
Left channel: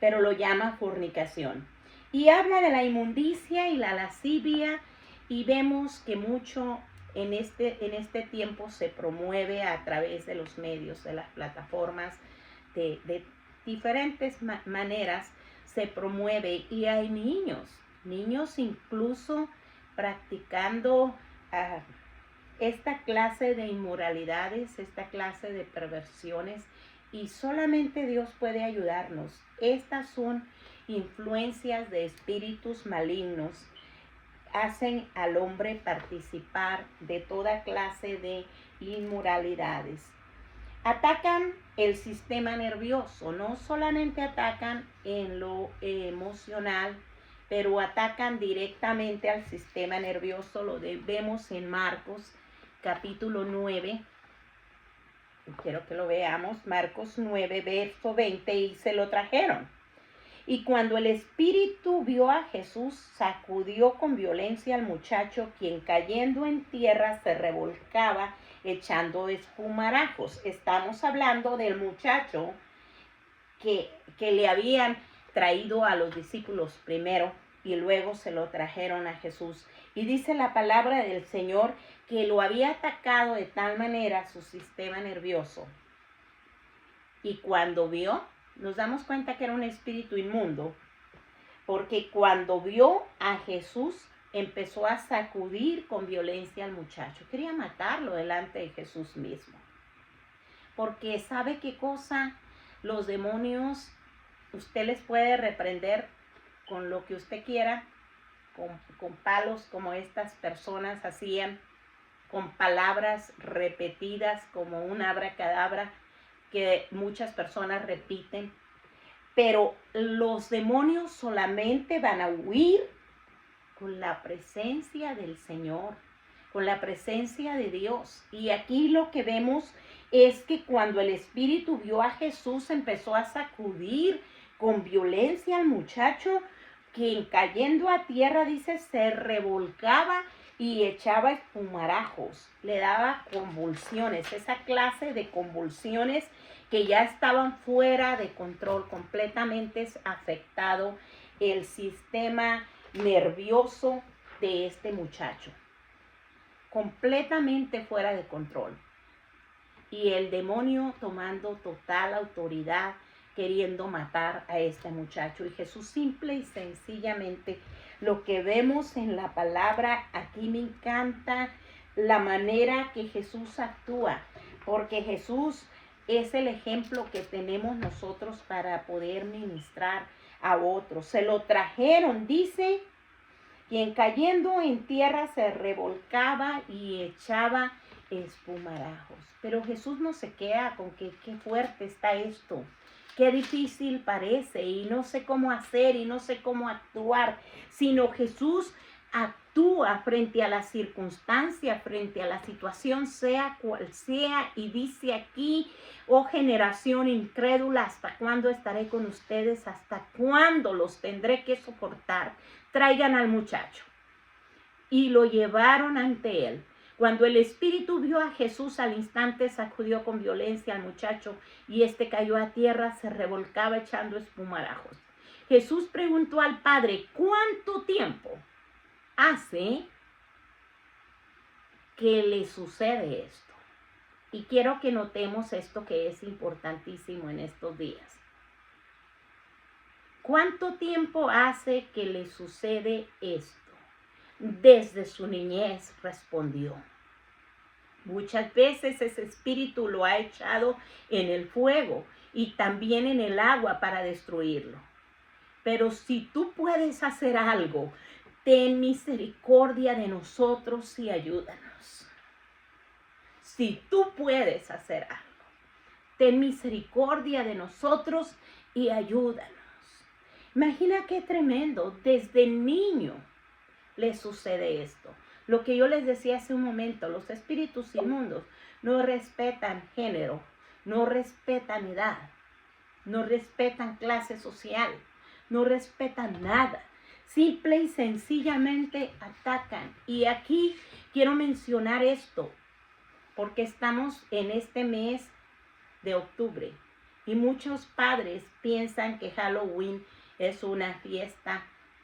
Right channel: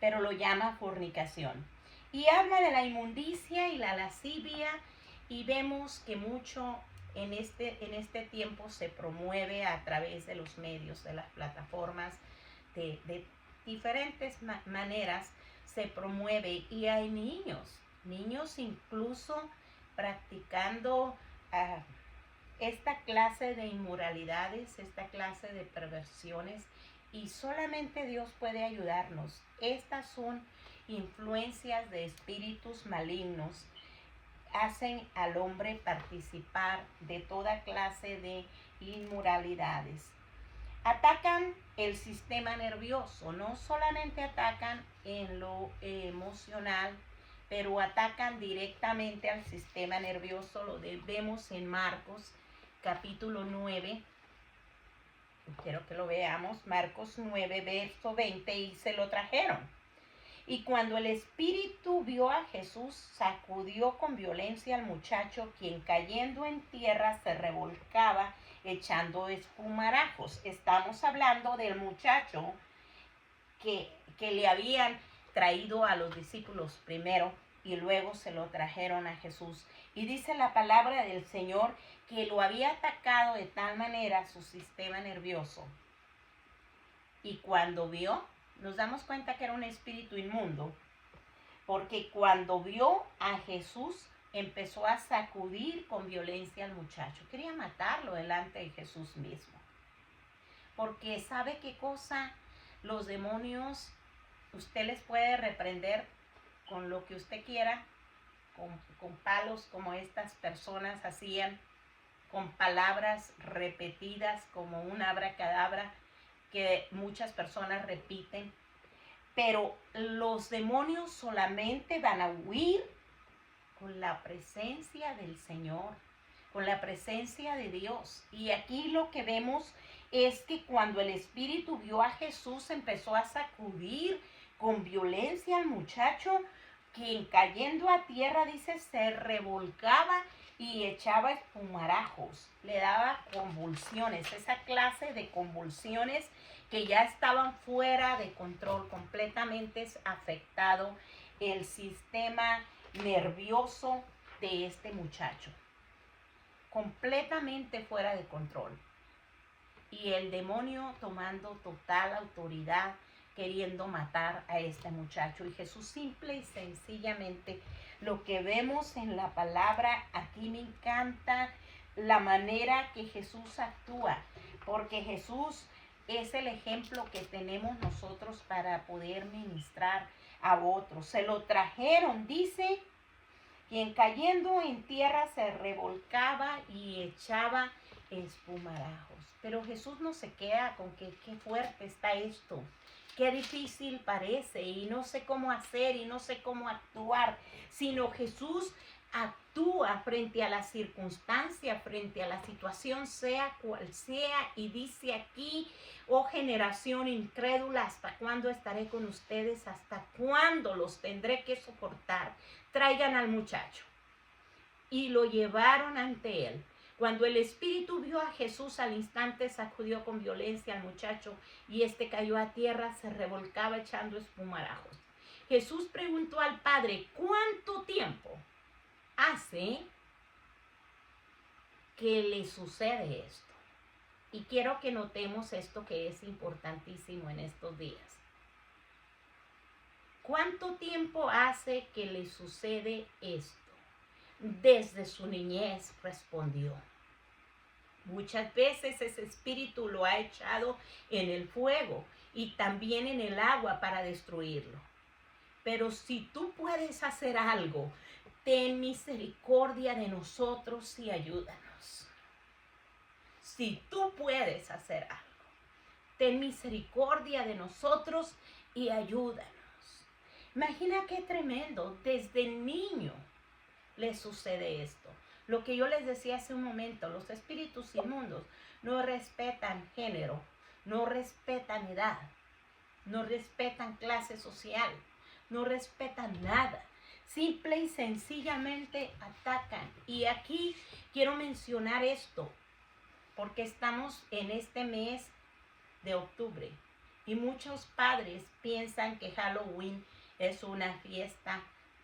pero lo llama fornicación. Y habla de la inmundicia y la lascivia, y vemos que mucho en este tiempo se promueve a través de los medios, de las plataformas, de diferentes maneras se promueve, y hay niños incluso practicando esta clase de inmoralidades, esta clase de perversiones, y solamente Dios puede ayudarnos. Estas son influencias de espíritus malignos, hacen al hombre participar de toda clase de inmoralidades. Atacan el sistema nervioso, no solamente atacan en lo emocional, pero atacan directamente al sistema nervioso. Lo vemos en Marcos capítulo 9, quiero que lo veamos, Marcos 9, verso 20, y se lo trajeron. Y cuando el espíritu vio a Jesús, sacudió con violencia al muchacho, quien cayendo en tierra se revolcaba echando espumarajos. Estamos hablando del muchacho que le habían traído a los discípulos primero y luego se lo trajeron a Jesús. Y dice la palabra del Señor que lo había atacado de tal manera su sistema nervioso. Y cuando vio, nos damos cuenta que era un espíritu inmundo, porque cuando vio a Jesús, empezó a sacudir con violencia al muchacho. Quería matarlo delante de Jesús mismo. Porque ¿sabe qué cosa? Los demonios, usted les puede reprender con lo que usted quiera, con palos como estas personas hacían, con palabras repetidas como un abracadabra que muchas personas repiten. Pero los demonios solamente van a huir con la presencia del Señor, con la presencia de Dios. Y aquí lo que vemos es que cuando el espíritu vio a Jesús, empezó a sacudir con violencia al muchacho, quien cayendo a tierra, dice, se revolcaba y echaba espumarajos, le daba convulsiones, esa clase de convulsiones que ya estaban fuera de control, completamente afectado el sistema nervioso de este muchacho, completamente fuera de control, y el demonio tomando total autoridad, queriendo matar a este muchacho. Y Jesús simple y sencillamente, lo que vemos en la palabra, aquí me encanta la manera que Jesús actúa, porque Jesús es el ejemplo que tenemos nosotros para poder ministrar a otros. Se lo trajeron, dice, quien cayendo en tierra se revolcaba y echaba espumarajos. Pero Jesús no se queda con que qué fuerte está esto, qué difícil parece y no sé cómo hacer y no sé cómo actuar, sino Jesús actúa frente a la circunstancia, frente a la situación, sea cual sea, y dice aquí: oh generación incrédula, ¿hasta cuándo estaré con ustedes? ¿Hasta cuándo los tendré que soportar? Traigan al muchacho. Y lo llevaron ante él. Cuando el espíritu vio a Jesús, al instante sacudió con violencia al muchacho y este cayó a tierra, se revolcaba echando espumarajos. Jesús preguntó al padre, ¿cuánto tiempo hace que le sucede esto? Y quiero que notemos esto que es importantísimo en estos días. ¿Cuánto tiempo hace que le sucede esto? Desde su niñez, respondió. Muchas veces ese espíritu lo ha echado en el fuego y también en el agua para destruirlo. Pero si tú puedes hacer algo, ten misericordia de nosotros y ayúdanos. Si tú puedes hacer algo, ten misericordia de nosotros y ayúdanos. Imagina qué tremendo, desde niño le sucede esto. Lo que yo les decía hace un momento, los espíritus inmundos no respetan género, no respetan edad, no respetan clase social, no respetan nada. Simple y sencillamente atacan. Y aquí quiero mencionar esto, porque estamos en este mes de octubre y muchos padres piensan que Halloween es una fiesta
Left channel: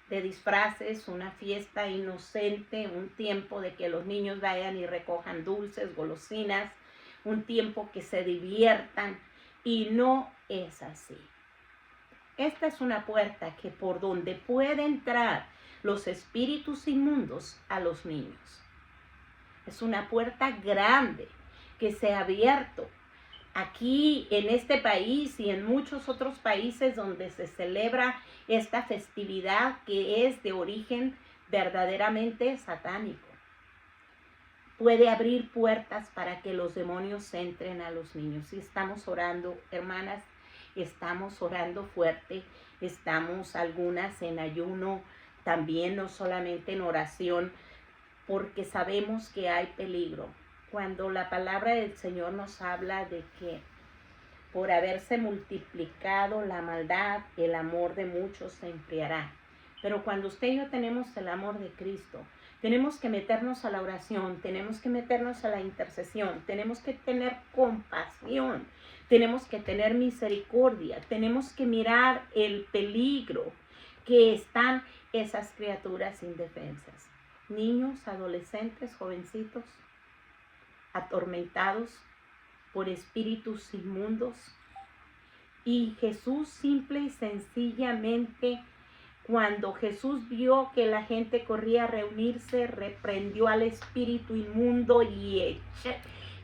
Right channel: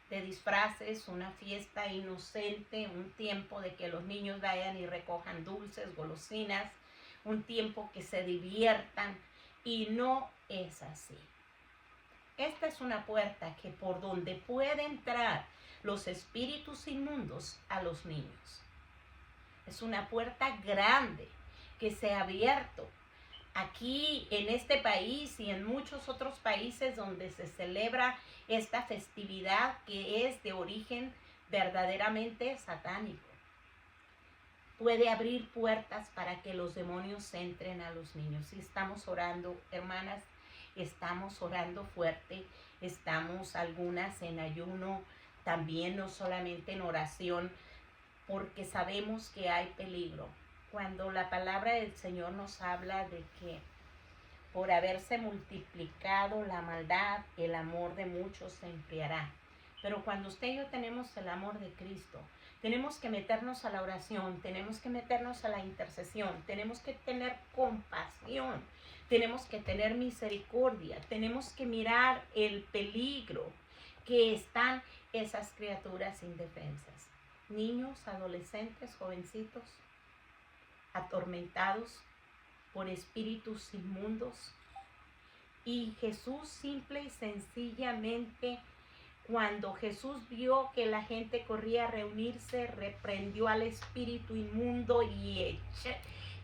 de disfraces, una fiesta inocente, un tiempo de que los niños vayan y recojan dulces, golosinas, un tiempo que se diviertan, y no es así. Esta es una puerta que por donde puede entrar los espíritus inmundos a los niños. Es una puerta grande que se ha abierto. Aquí en este país y en muchos otros países donde se celebra esta festividad que es de origen verdaderamente satánico, puede abrir puertas para que los demonios entren a los niños. Y estamos orando, hermanas, estamos orando fuerte, estamos algunas en ayuno, también no solamente en oración, porque sabemos que hay peligro. Cuando la palabra del Señor nos habla de que por haberse multiplicado la maldad, el amor de muchos se enfriará. Pero cuando usted y yo tenemos el amor de Cristo, tenemos que meternos a la oración, tenemos que meternos a la intercesión, tenemos que tener compasión, tenemos que tener misericordia, tenemos que mirar el peligro que están esas criaturas indefensas. Niños, adolescentes, jovencitos, atormentados por espíritus inmundos. Y Jesús simple y sencillamente, cuando Jesús vio que la gente corría a reunirse, reprendió al espíritu inmundo y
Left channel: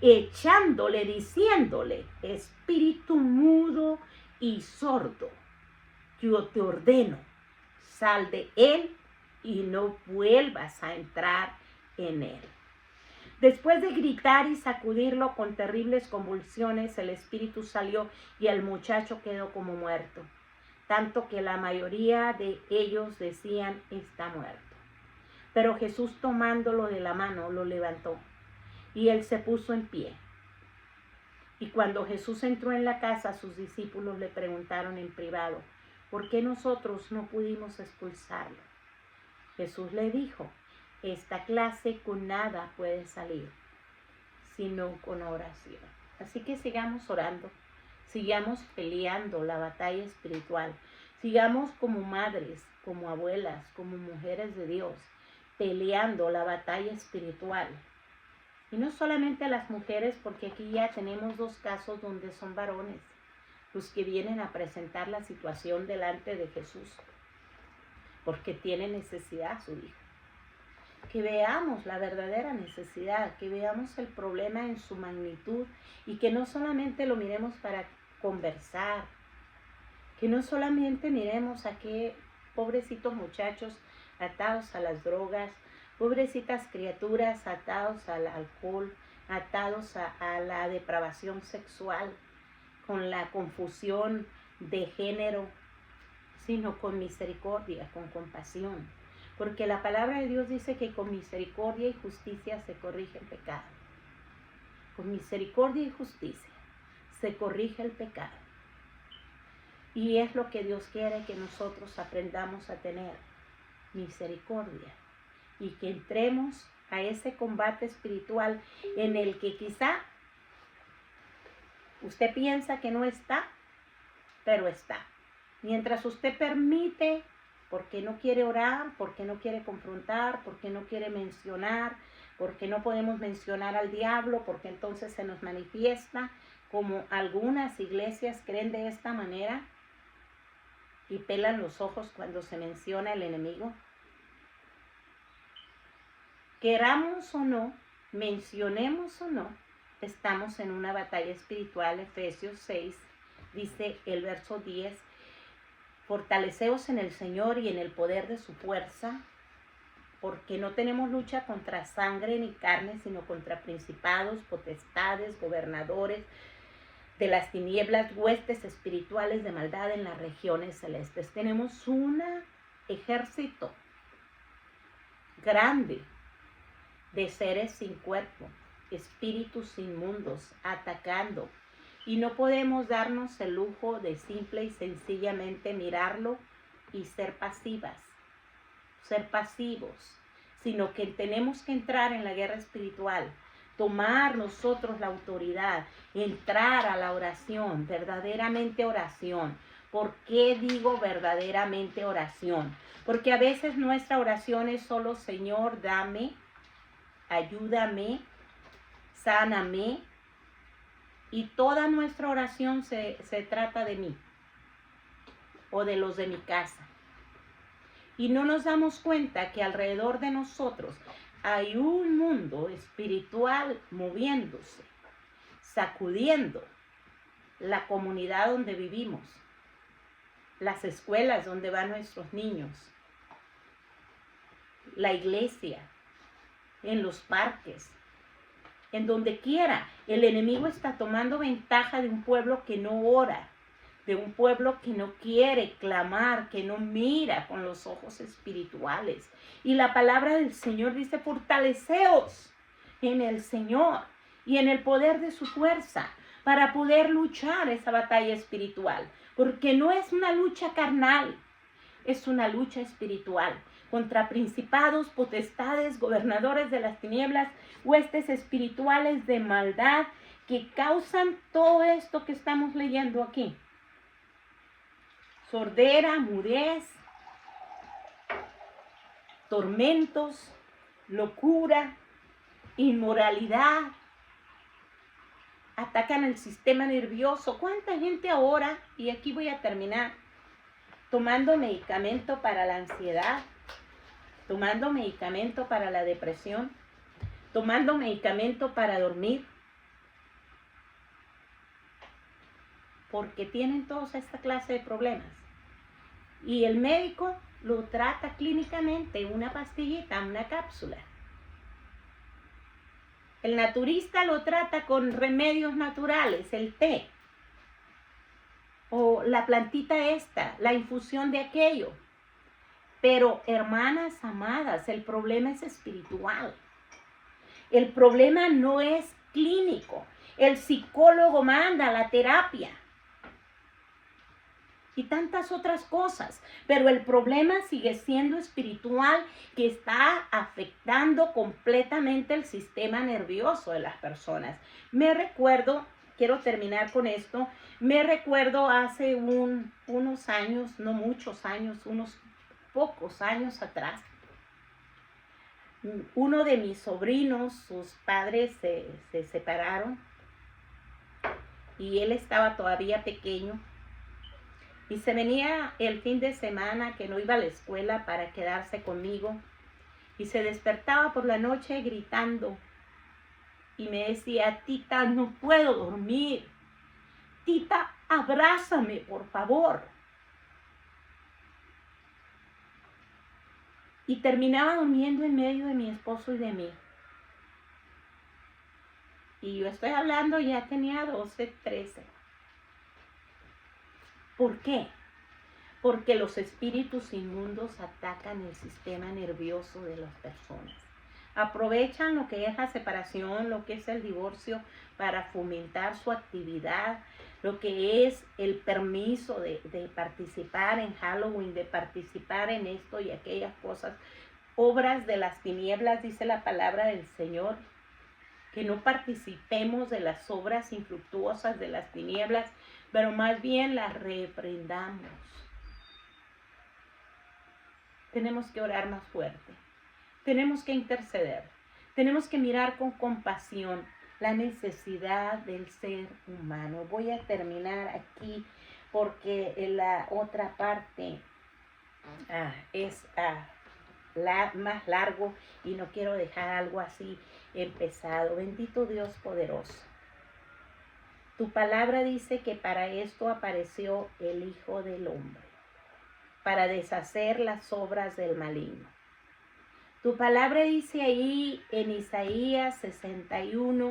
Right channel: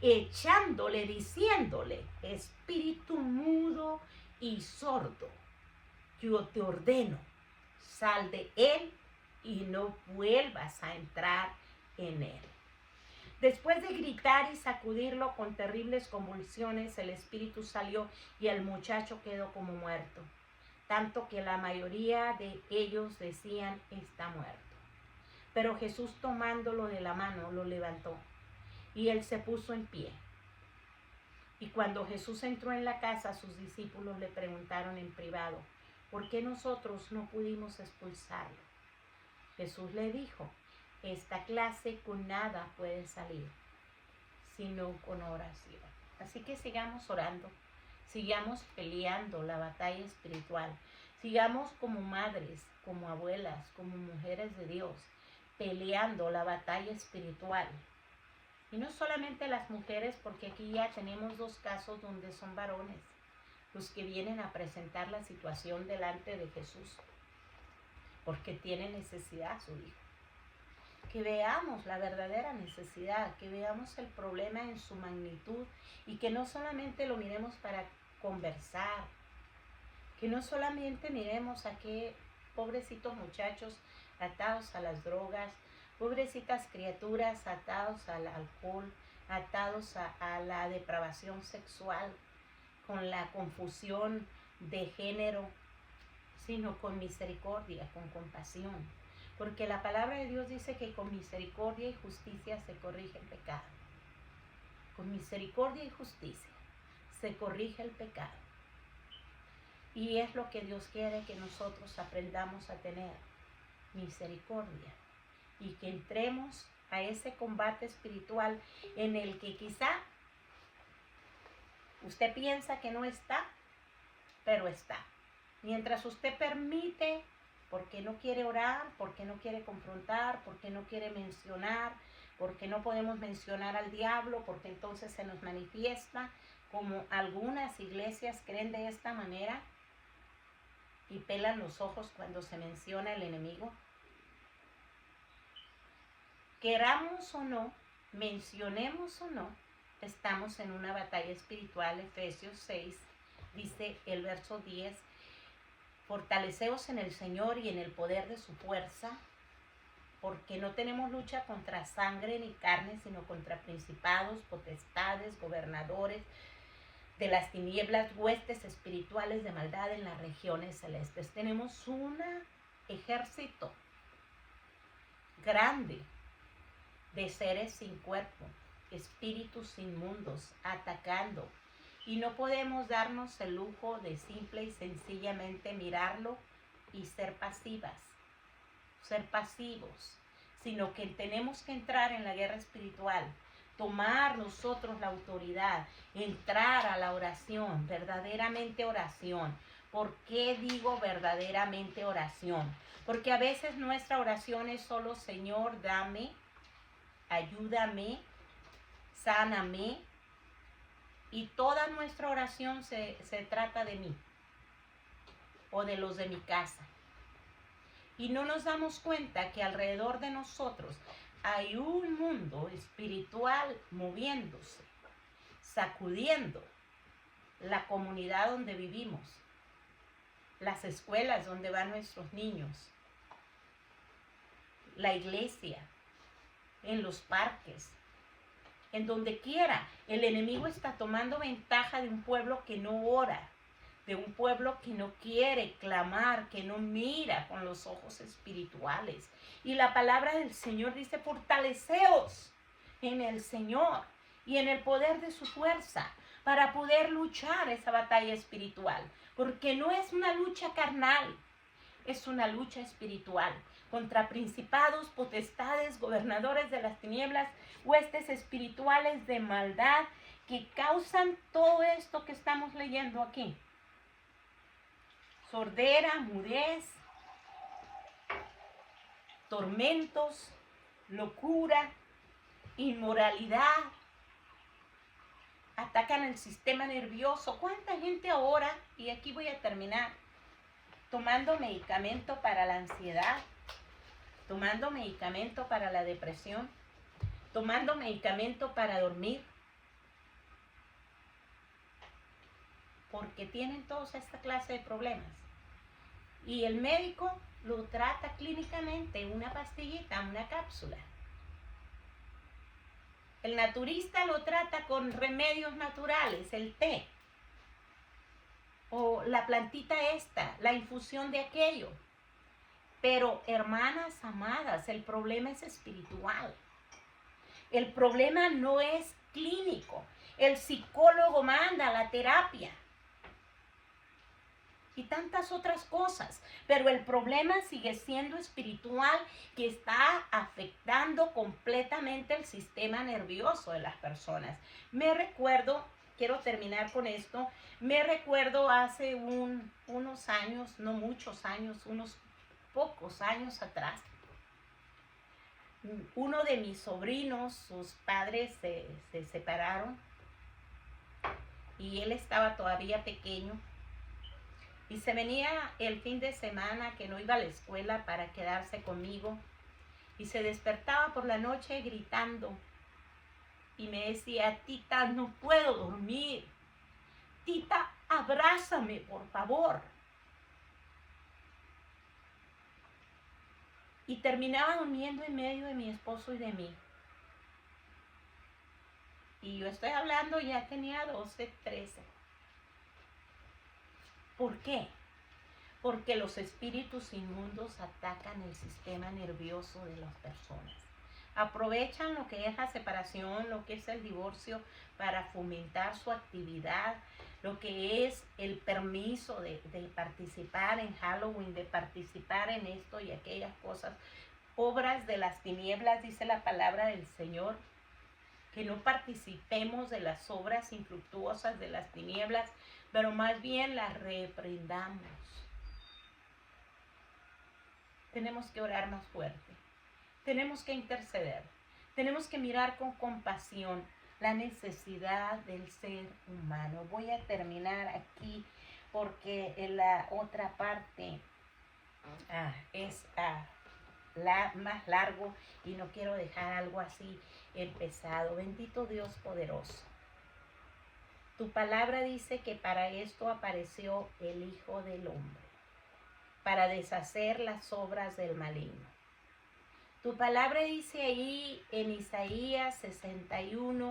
echándole, diciéndole, espíritu mudo y sordo, yo te ordeno, sal de él y no vuelvas a entrar en él. Después de gritar y sacudirlo con terribles convulsiones, el espíritu salió y el muchacho quedó como muerto, tanto que la mayoría de ellos decían, está muerto. Pero Jesús, tomándolo de la mano, lo levantó y él se puso en pie. Y cuando Jesús entró en la casa, sus discípulos le preguntaron en privado, ¿por qué nosotros no pudimos expulsarlo? Jesús le dijo, esta clase con nada puede salir, sino con oración. Así que sigamos orando, sigamos peleando la batalla espiritual, sigamos como madres, como abuelas, como mujeres de Dios, peleando la batalla espiritual. Y no solamente las mujeres, porque aquí ya tenemos 2 casos donde son varones los que vienen a presentar la situación delante de Jesús, porque tiene necesidad su hijo. Que veamos la verdadera necesidad, que veamos el problema en su magnitud y que no solamente lo miremos para conversar, que no solamente miremos a qué pobrecitos muchachos atados a las drogas, pobrecitas criaturas atados al alcohol, atados a la depravación sexual, con la confusión de género, sino con misericordia, con compasión. Porque la palabra de Dios dice que con misericordia y justicia se corrige el pecado. Con misericordia y justicia se corrige el pecado. Y es lo que Dios quiere, que nosotros aprendamos a tener misericordia y que entremos a ese combate espiritual en el que quizá usted piensa que no está, pero está. Mientras usted permite, porque no quiere orar, porque no quiere confrontar, porque no quiere mencionar, porque no podemos mencionar al diablo, porque entonces se nos manifiesta, como algunas iglesias creen de esta manera y pelan los ojos cuando se menciona el enemigo. Queramos o no, mencionemos o no, estamos en una batalla espiritual. Efesios 6, dice el verso 10, fortaleceos en el Señor y en el poder de su fuerza, porque no tenemos lucha contra sangre ni carne, sino contra principados, potestades, gobernadores de las tinieblas, huestes espirituales de maldad en las regiones celestes. Tenemos un ejército grande de seres sin cuerpo, espíritus inmundos atacando, y no podemos darnos el lujo de simple y sencillamente mirarlo y ser pasivos, sino que tenemos que entrar en la guerra espiritual, tomar nosotros la autoridad, entrar a la oración, verdaderamente oración. ¿Por qué digo verdaderamente oración? Porque a veces nuestra oración es solo: Señor, dame, ayúdame, sáname, y toda nuestra oración se trata de mí o de los de mi casa. Y no nos damos cuenta que alrededor de nosotros hay un mundo espiritual moviéndose, sacudiendo la comunidad donde vivimos, las escuelas donde van nuestros niños, la iglesia, en los parques, en donde quiera. El enemigo está tomando ventaja de un pueblo que no ora, de un pueblo que no quiere clamar, que no mira con los ojos espirituales. Y la palabra del Señor dice: fortaleceos en el Señor y en el poder de su fuerza, para poder luchar esa batalla espiritual. Porque no es una lucha carnal, es una lucha espiritual contra principados, potestades, gobernadores de las tinieblas, huestes espirituales de maldad que causan todo esto que estamos leyendo aquí. Sordera, mudez, tormentos, locura, inmoralidad. Atacan el sistema nervioso. ¿Cuánta gente ahora, y aquí voy a terminar, tomando medicamento para la ansiedad, tomando medicamento para la depresión, tomando medicamento para dormir, porque tienen toda esta clase de problemas? Y el médico lo trata clínicamente, una pastillita, una cápsula. El naturista lo trata con remedios naturales, el té, o la plantita esta, la infusión de aquello. Pero, hermanas amadas, el problema es espiritual. El problema no es clínico. El psicólogo manda la terapia y tantas otras cosas, pero el problema sigue siendo espiritual, que está afectando completamente el sistema nervioso de las personas. Me recuerdo, quiero terminar con esto, me recuerdo hace unos años, no muchos años, unos pocos años atrás, uno de mis sobrinos, sus padres se separaron y él estaba todavía pequeño. Y se venía el fin de semana que no iba a la escuela para quedarse conmigo. Y se despertaba por la noche gritando. Y me decía: tita, no puedo dormir. Tita, abrázame, por favor. Y terminaba durmiendo en medio de mi esposo y de mí. Y yo estoy hablando, ya tenía 12, 13. ¿Por qué? Porque los espíritus inmundos atacan el sistema nervioso de las personas. Aprovechan lo que es la separación, lo que es el divorcio, para fomentar su actividad, lo que es el permiso de participar en Halloween, de participar en esto y aquellas cosas, obras de las tinieblas, dice la palabra del Señor, que no participemos de las obras infructuosas de las tinieblas, pero más bien las reprendamos. Tenemos que orar más fuerte, tenemos que interceder, tenemos que mirar con compasión la necesidad del ser humano. Voy a terminar aquí porque en la otra parte es más largo y no quiero dejar algo así empezado. Bendito Dios poderoso. Tu palabra dice que para esto apareció el Hijo del Hombre, para deshacer las obras del maligno. Tu palabra dice ahí en Isaías 61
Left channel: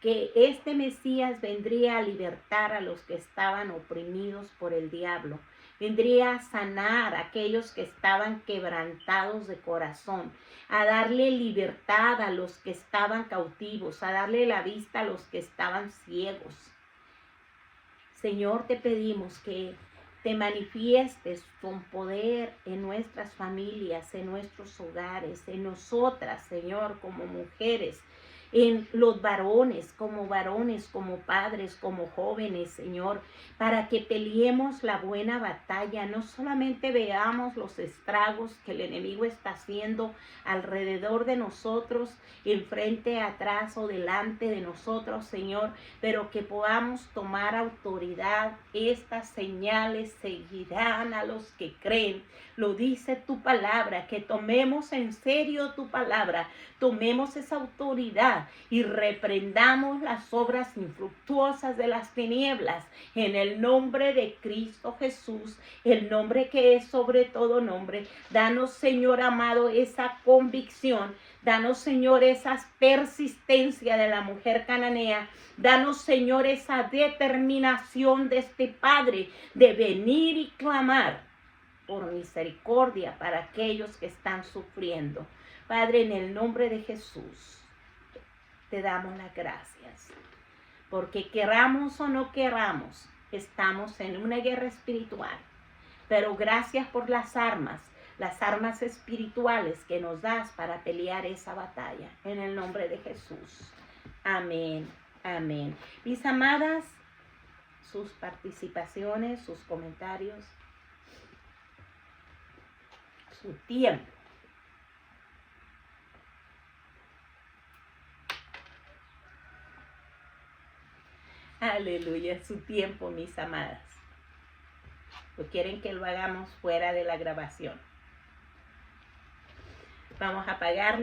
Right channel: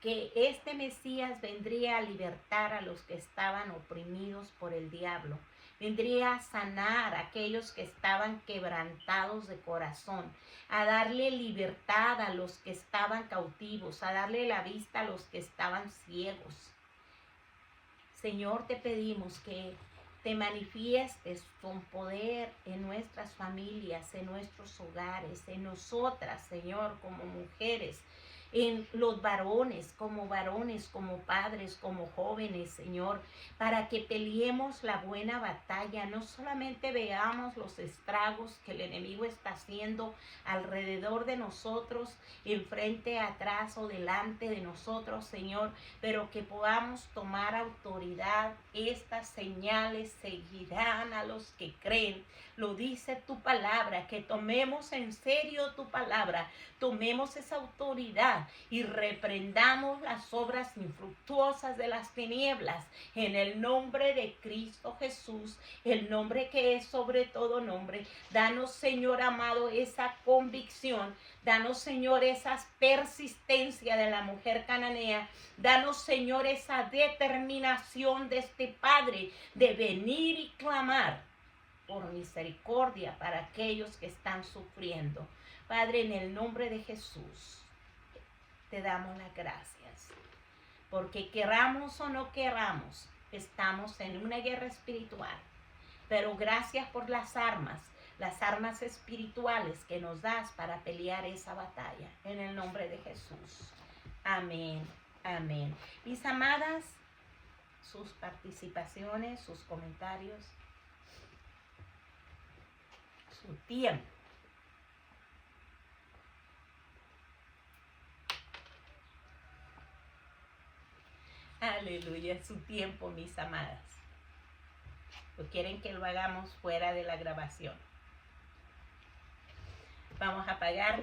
que este Mesías vendría a libertar a los que estaban oprimidos por el diablo. Vendría a sanar a aquellos que estaban quebrantados de corazón, a darle libertad a los que estaban cautivos, a darle la vista a los que estaban ciegos. Señor, te pedimos que te manifiestes con poder en nuestras familias, en nuestros hogares, en nosotras, Señor, como mujeres, en los varones, como padres, como jóvenes, Señor, para que peleemos la buena batalla, no solamente veamos los estragos que el enemigo está haciendo alrededor de nosotros, enfrente, atrás o delante de nosotros, Señor, pero que podamos tomar autoridad. Estas señales seguirán a los que creen. Lo dice tu palabra, que tomemos en serio tu palabra, tomemos esa autoridad y reprendamos las obras infructuosas de las tinieblas en el nombre de Cristo Jesús, el nombre que es sobre todo nombre. Danos, Señor amado, esa convicción. Danos, Señor, esa persistencia de la mujer cananea. Danos, Señor, esa determinación de este Padre de venir y clamar por misericordia para aquellos que están sufriendo. Padre, en el nombre de Jesús, te damos las gracias. Porque queramos o no queramos, estamos en una guerra espiritual. Pero gracias por las armas espirituales que nos das para pelear esa batalla. En el nombre de Jesús. Amén. Amén. Mis amadas, sus participaciones, sus comentarios, su tiempo. Aleluya, su tiempo, mis amadas. ¿O quieren que lo hagamos fuera de la grabación? Vamos a apagar